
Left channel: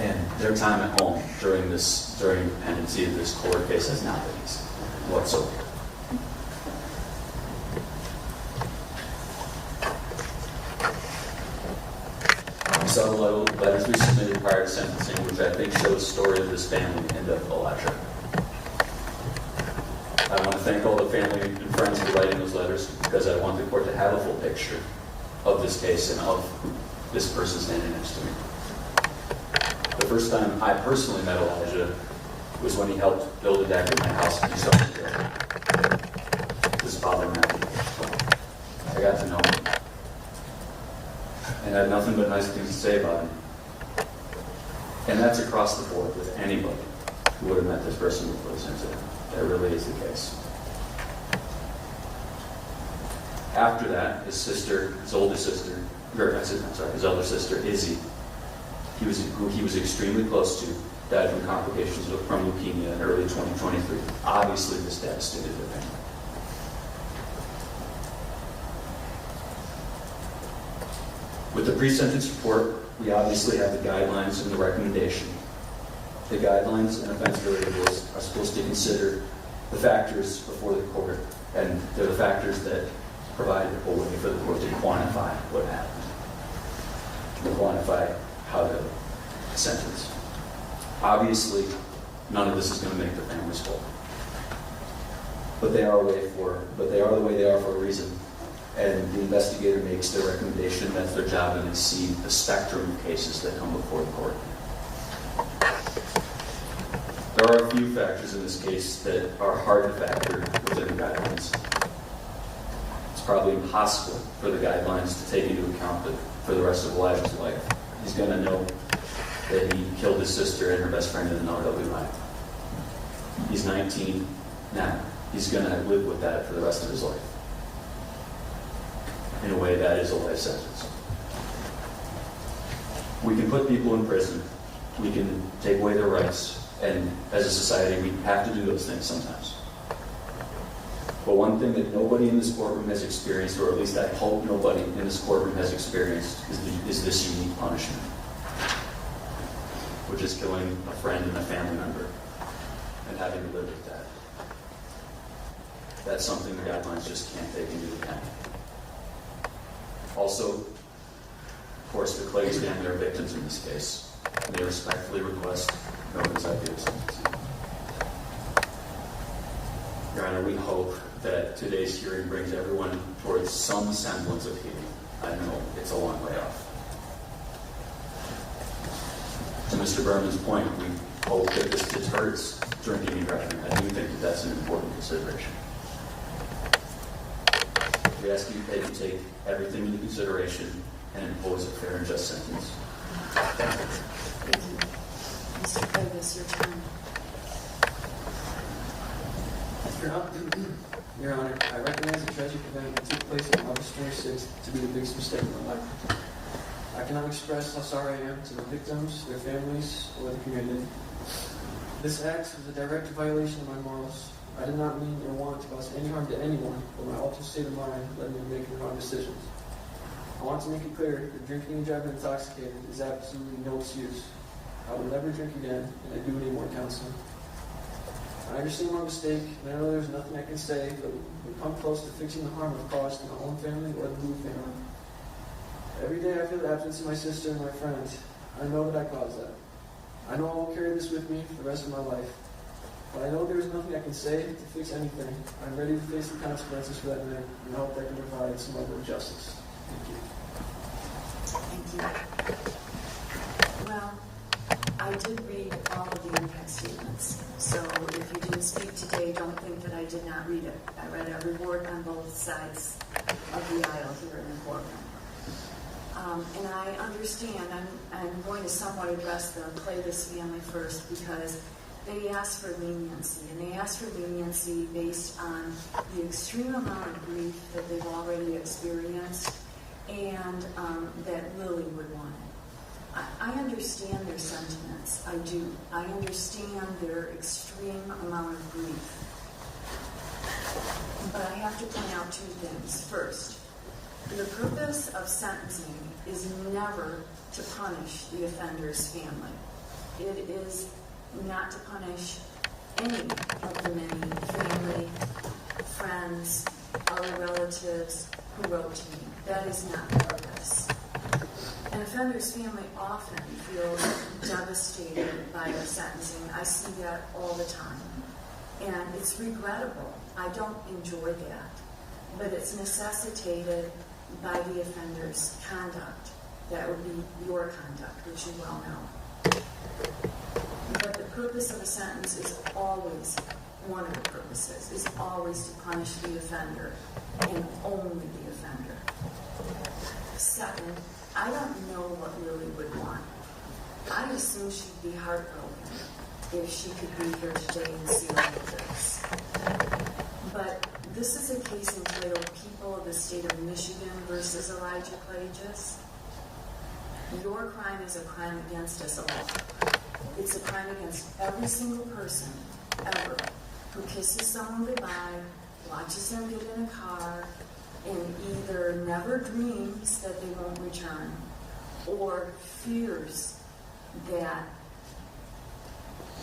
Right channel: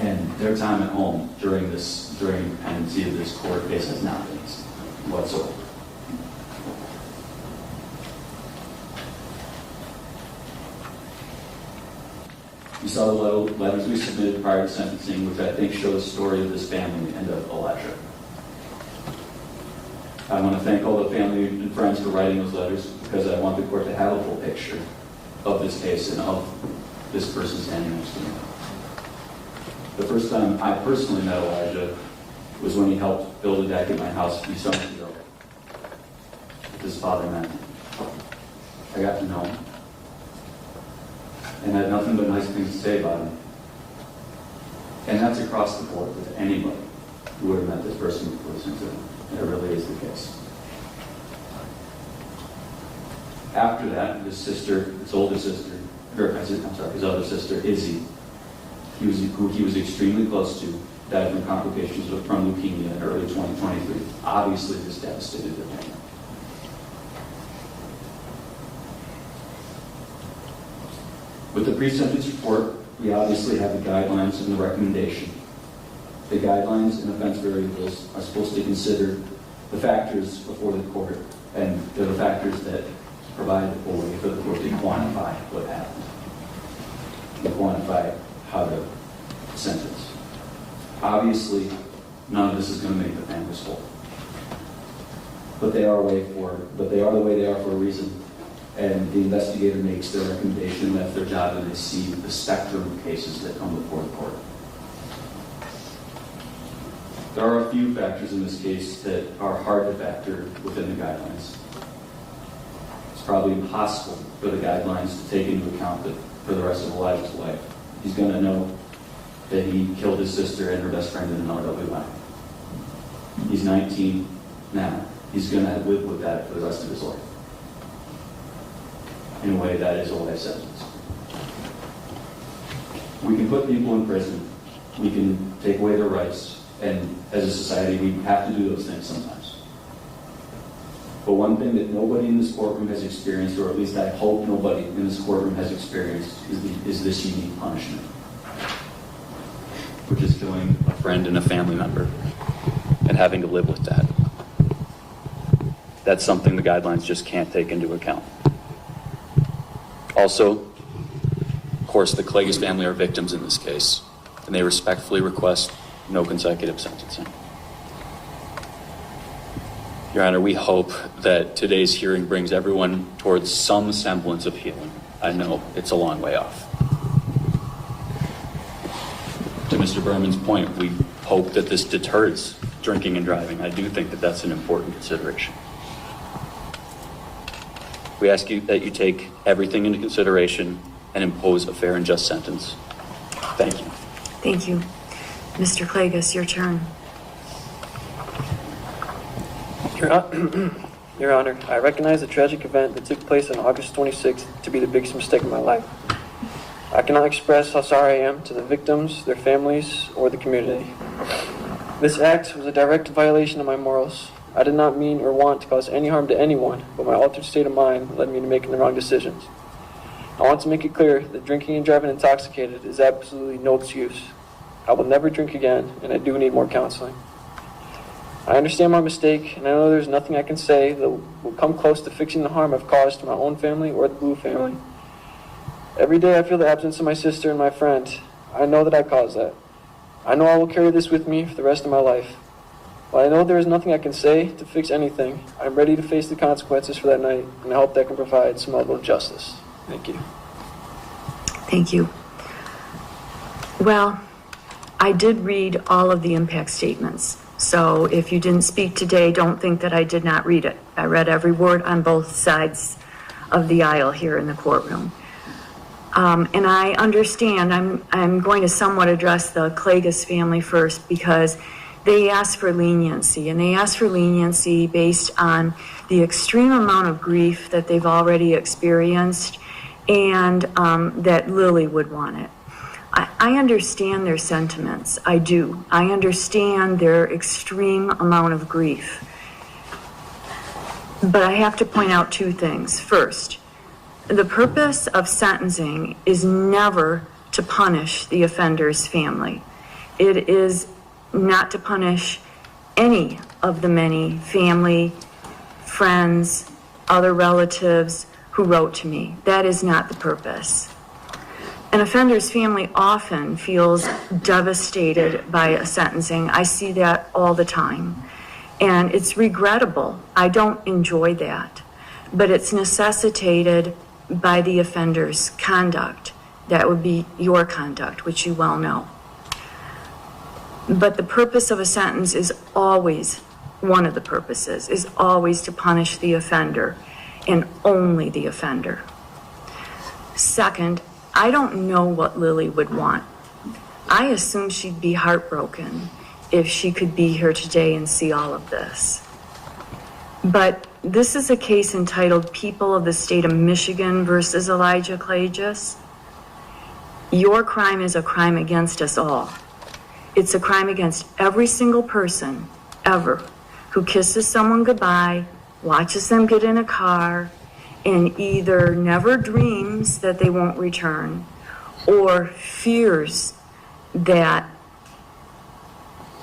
And their time at home during the pendency of this court case has not been easy whatsoever. We saw the letters we submitted prior to sentencing, which I think show the story of this family and of Elijah. I want to thank all the family and friends for writing those letters, because I want the court to have a full picture of this case and of this person standing next to me. The first time I personally met Elijah was when he helped build a deck at my house a few summers ago. His father, Matthew. I got to know him, and I had nothing but nice things to say about him. And that's across the board with anybody who would have met this person in the police incident. That really is the case. After that, his older sister, his other sister, Izzy, who he was extremely close to, died from complications from leukemia in early 2023. Obviously, this devastated their family. With the pre-sentence report, we obviously have the guidelines and the recommendation. The guidelines and offense variables are supposed to consider the factors before the court, and they're the factors that provide a way for the court to quantify what happened, and quantify how to sentence. Obviously, none of this is going to make the families whole, but they are the way they are for a reason. And the investigator makes their recommendation. That's their job, and they see the spectrum of cases that come before the court. There are a few factors in this case that are hard to factor within the guidelines. It's probably impossible for the guidelines to take into account for the rest of Elijah's life. He's going to know that he killed his sister and her best friend in an unhealthy. He's 19 now. He's going to live with that for the rest of his life. In a way, that is a life sentence. We can put people in prison. We can take away their rights. And as a society, we have to do those things sometimes. But one thing that nobody in this courtroom has experienced, or at least I hope nobody in this courtroom has experienced, is this unique punishment, which is killing a friend and a family member and having to live with that. That's something the guidelines just can't take into account. Also, of course, the Cleggs family are victims in this case, and they respectfully request no consecutive sentencing. Your Honor, we hope that today's hearing brings everyone towards some semblance of healing. I know it's a long way off. To Mr. Berman's point, we hope that this deters drinking and driving. I do think that that's an important consideration. We ask you that you take everything into consideration and impose a fair and just sentence. Thank you. Thank you. Mr. Klages, your turn. Your Honor, I recognize the tragic event that took place on August 26th to be the biggest mistake of my life. I cannot express how sorry I am to the victims, their families, or the community. This act was a direct violation of my morals. I did not mean or want to cause any harm to anyone, but my altered state of mind led me to making the wrong decisions. I want to make it clear that drinking and driving intoxicated is absolutely no excuse. I will never drink again, and I do need more counseling. I understand my mistake, and I know there's nothing I can say that will come close to fixing the harm I've caused to my own family or the Blue family. Every day I feel the absence of my sister and my friend. I know that I caused that. I know I will carry this with me for the rest of my life. While I know there is nothing I can say to fix anything, I'm ready to face the consequences for that night, and I hope that can provide some level of justice. Thank you. Thank you. Well, I did read all of the impact statements. So if you didn't speak today, don't think that I did not read it. I read every word on both sides of the aisle here in the courtroom. And I understand, I'm going to somewhat address the Klages family first because they asked for leniency, and they asked for leniency based on the extreme amount of grief that they've already experienced and that Lily would want it. I understand their sentiments. I do. I understand their extreme amount of grief. But I have to point out two things. First, the purpose of sentencing is never to punish the offender's family. It is not to punish any of the many family, friends, other relatives who wrote to me. That is not the purpose. An offender's family often feels devastated by a sentencing. I see that all the time. And it's regrettable. I don't enjoy that. But it's necessitated by the offender's conduct. That would be your conduct, which you well know. But the purpose of a sentence is always, one of the purposes, is always to punish the offender, and only the offender. Second, I don't know what Lily would want. I assume she'd be heartbroken if she could be here today and see all of this. But this is a case entitled People of the State of Michigan versus Elijah Klages. Your crime is a crime against us all. It's a crime against every single person, ever, who kisses someone goodbye, watches them get in a car, and either never dreams that they won't return or fears that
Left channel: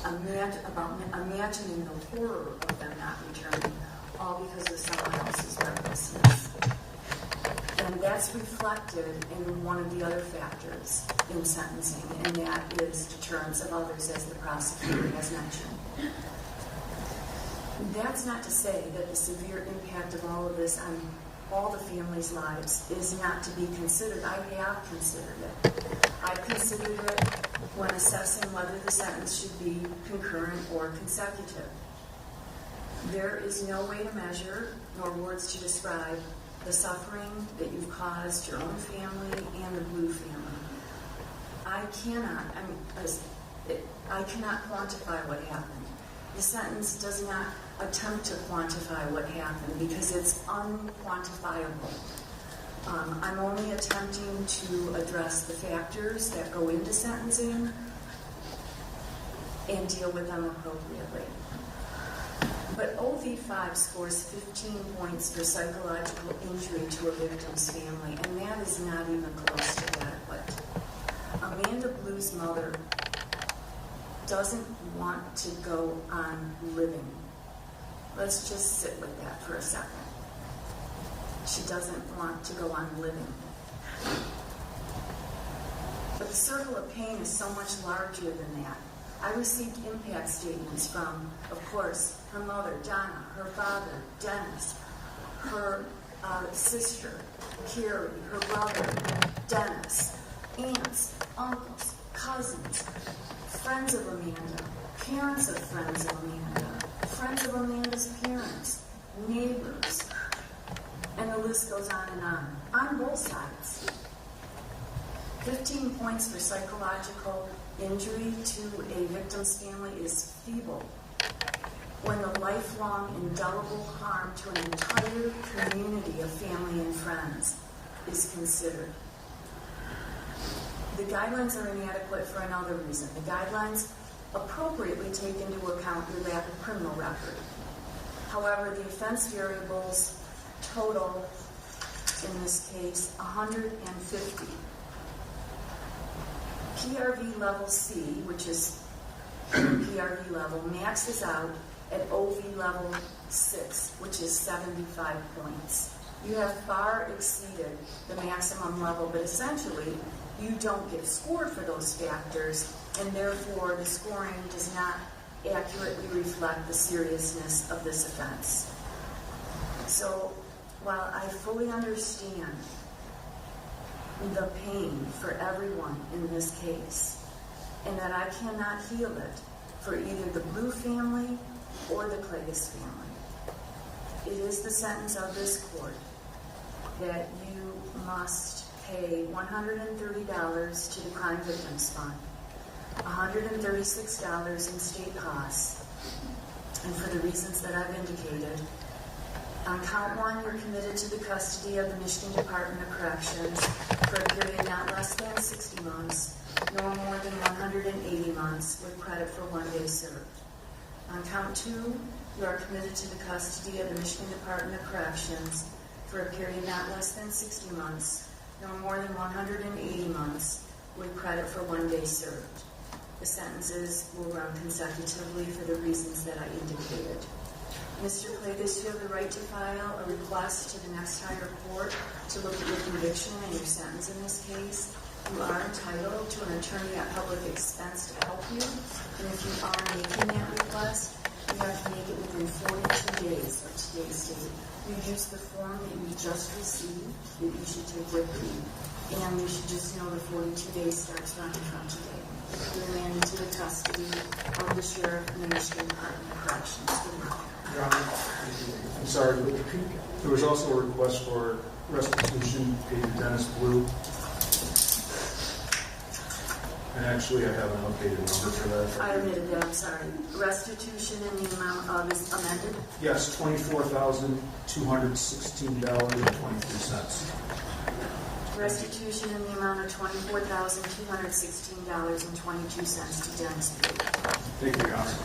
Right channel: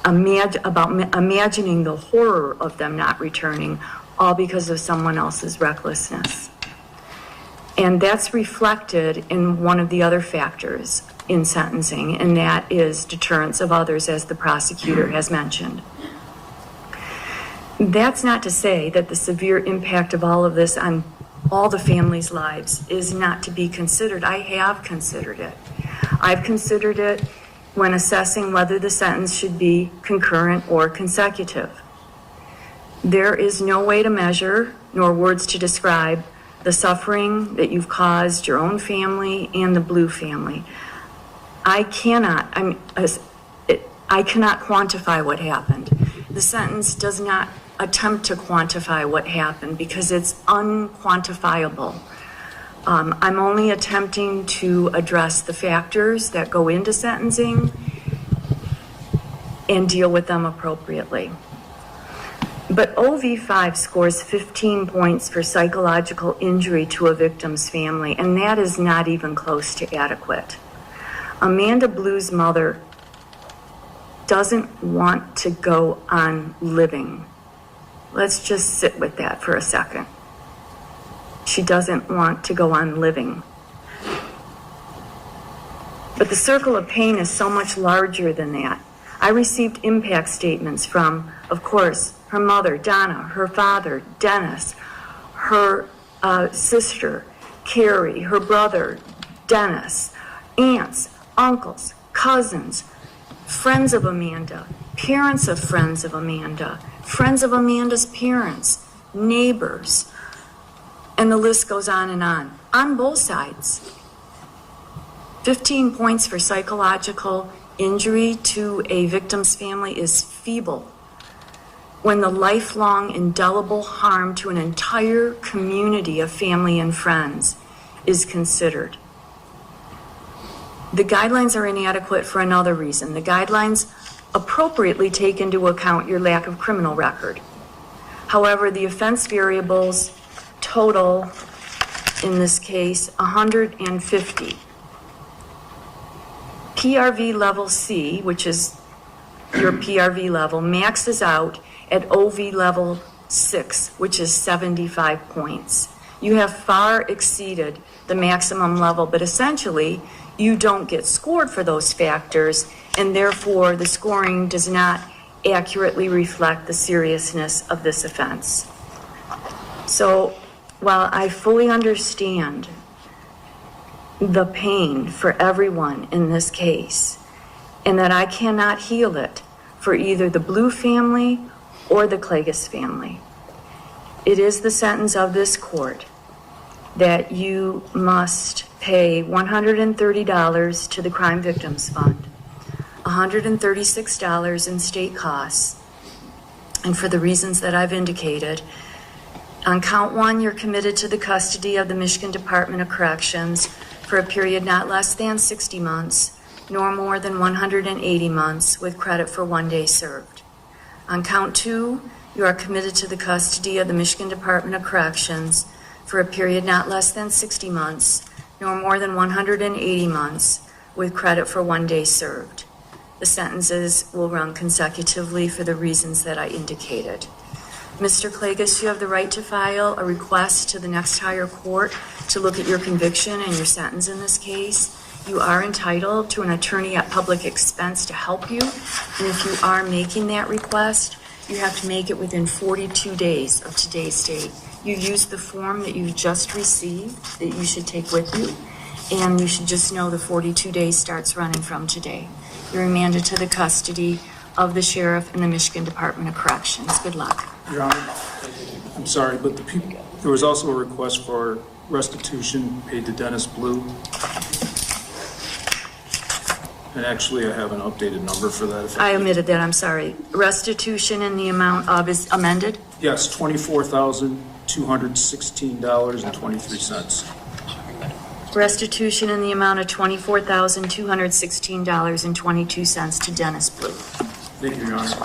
imagining the horror of them not returning, all because of someone else's recklessness. And that's reflected in one of the other factors in sentencing, and that is deterrence of others, as the prosecutor has mentioned. That's not to say that the severe impact of all of this on all the families' lives is not to be considered. I have considered it. I've considered it when assessing whether the sentence should be concurrent or consecutive. There is no way to measure, nor words to describe, the suffering that you've caused your own family and the Blue family. I cannot quantify what happened. The sentence does not attempt to quantify what happened because it's unquantifiable. I'm only attempting to address the factors that go into sentencing and deal with them appropriately. But OV5 scores 15 points for psychological injury to a victim's family, and that is not even close to adequate. Amanda Blue's mother doesn't want to go on living. Let's just sit with that for a second. She doesn't want to go on living. But the circle of pain is so much larger than that. I received impact statements from, of course, her mother, Donna, her father, Dennis, her sister, Carrie, her brother, Dennis, aunts, uncles, cousins, friends of Amanda, parents of friends of Amanda, friends of Amanda's parents, neighbors, and the list goes on both sides. 15 points for psychological injury to a victim's family is feeble when the lifelong indelible harm to an entire community of family and friends is considered. The guidelines are inadequate for another reason. The guidelines appropriately take into account your lack of criminal record. However, the offense variables total, in this case, 150. PRV level C, which is your PRV level, maxes out at OV level 6, which is 75 points. You have far exceeded the maximum level, but essentially, you don't get scored for those factors, and therefore the scoring does not accurately reflect the seriousness of this offense. So, while I fully understand the pain for everyone in this case, and that I cannot heal it for either the Blue family or the Klages family, it is the sentence of this court that you must pay $130 to the Crime Victims Fund, $136 in state costs, and for the reasons that I've indicated, on count 1, you're committed to the custody of the Michigan Department of Corrections for a period not less than 60 months, nor more than 180 months, with credit for 1 day served. On count 2, you are committed to the custody of the Michigan Department of Corrections for a period not less than 60 months, nor more than 180 months, with credit for 1 day served. The sentences will run consecutively for the reasons that I indicated. Mr. Klages, you have the right to file a request to the next higher court to look at your conviction and your sentence in this case. You are entitled to an attorney at public expense to help you, and if you are making that request, you have to make it within 42 days of today's date. You use the form that you just received that you should take with you, and you should just know the 42 days starts running from today. You're remanded to the custody of the sheriff and the Michigan Department of Corrections. Good luck. Your Honor, I'm sorry, but there was also a request for restitution paid to Dennis Blue. And actually, I have an updated number for that. I omitted that, I'm sorry. Restitution in the amount of is amended? Yes, $24,216.23. Restitution in the amount of $24,216.22 to Dennis Blue. Thank you, Your Honor.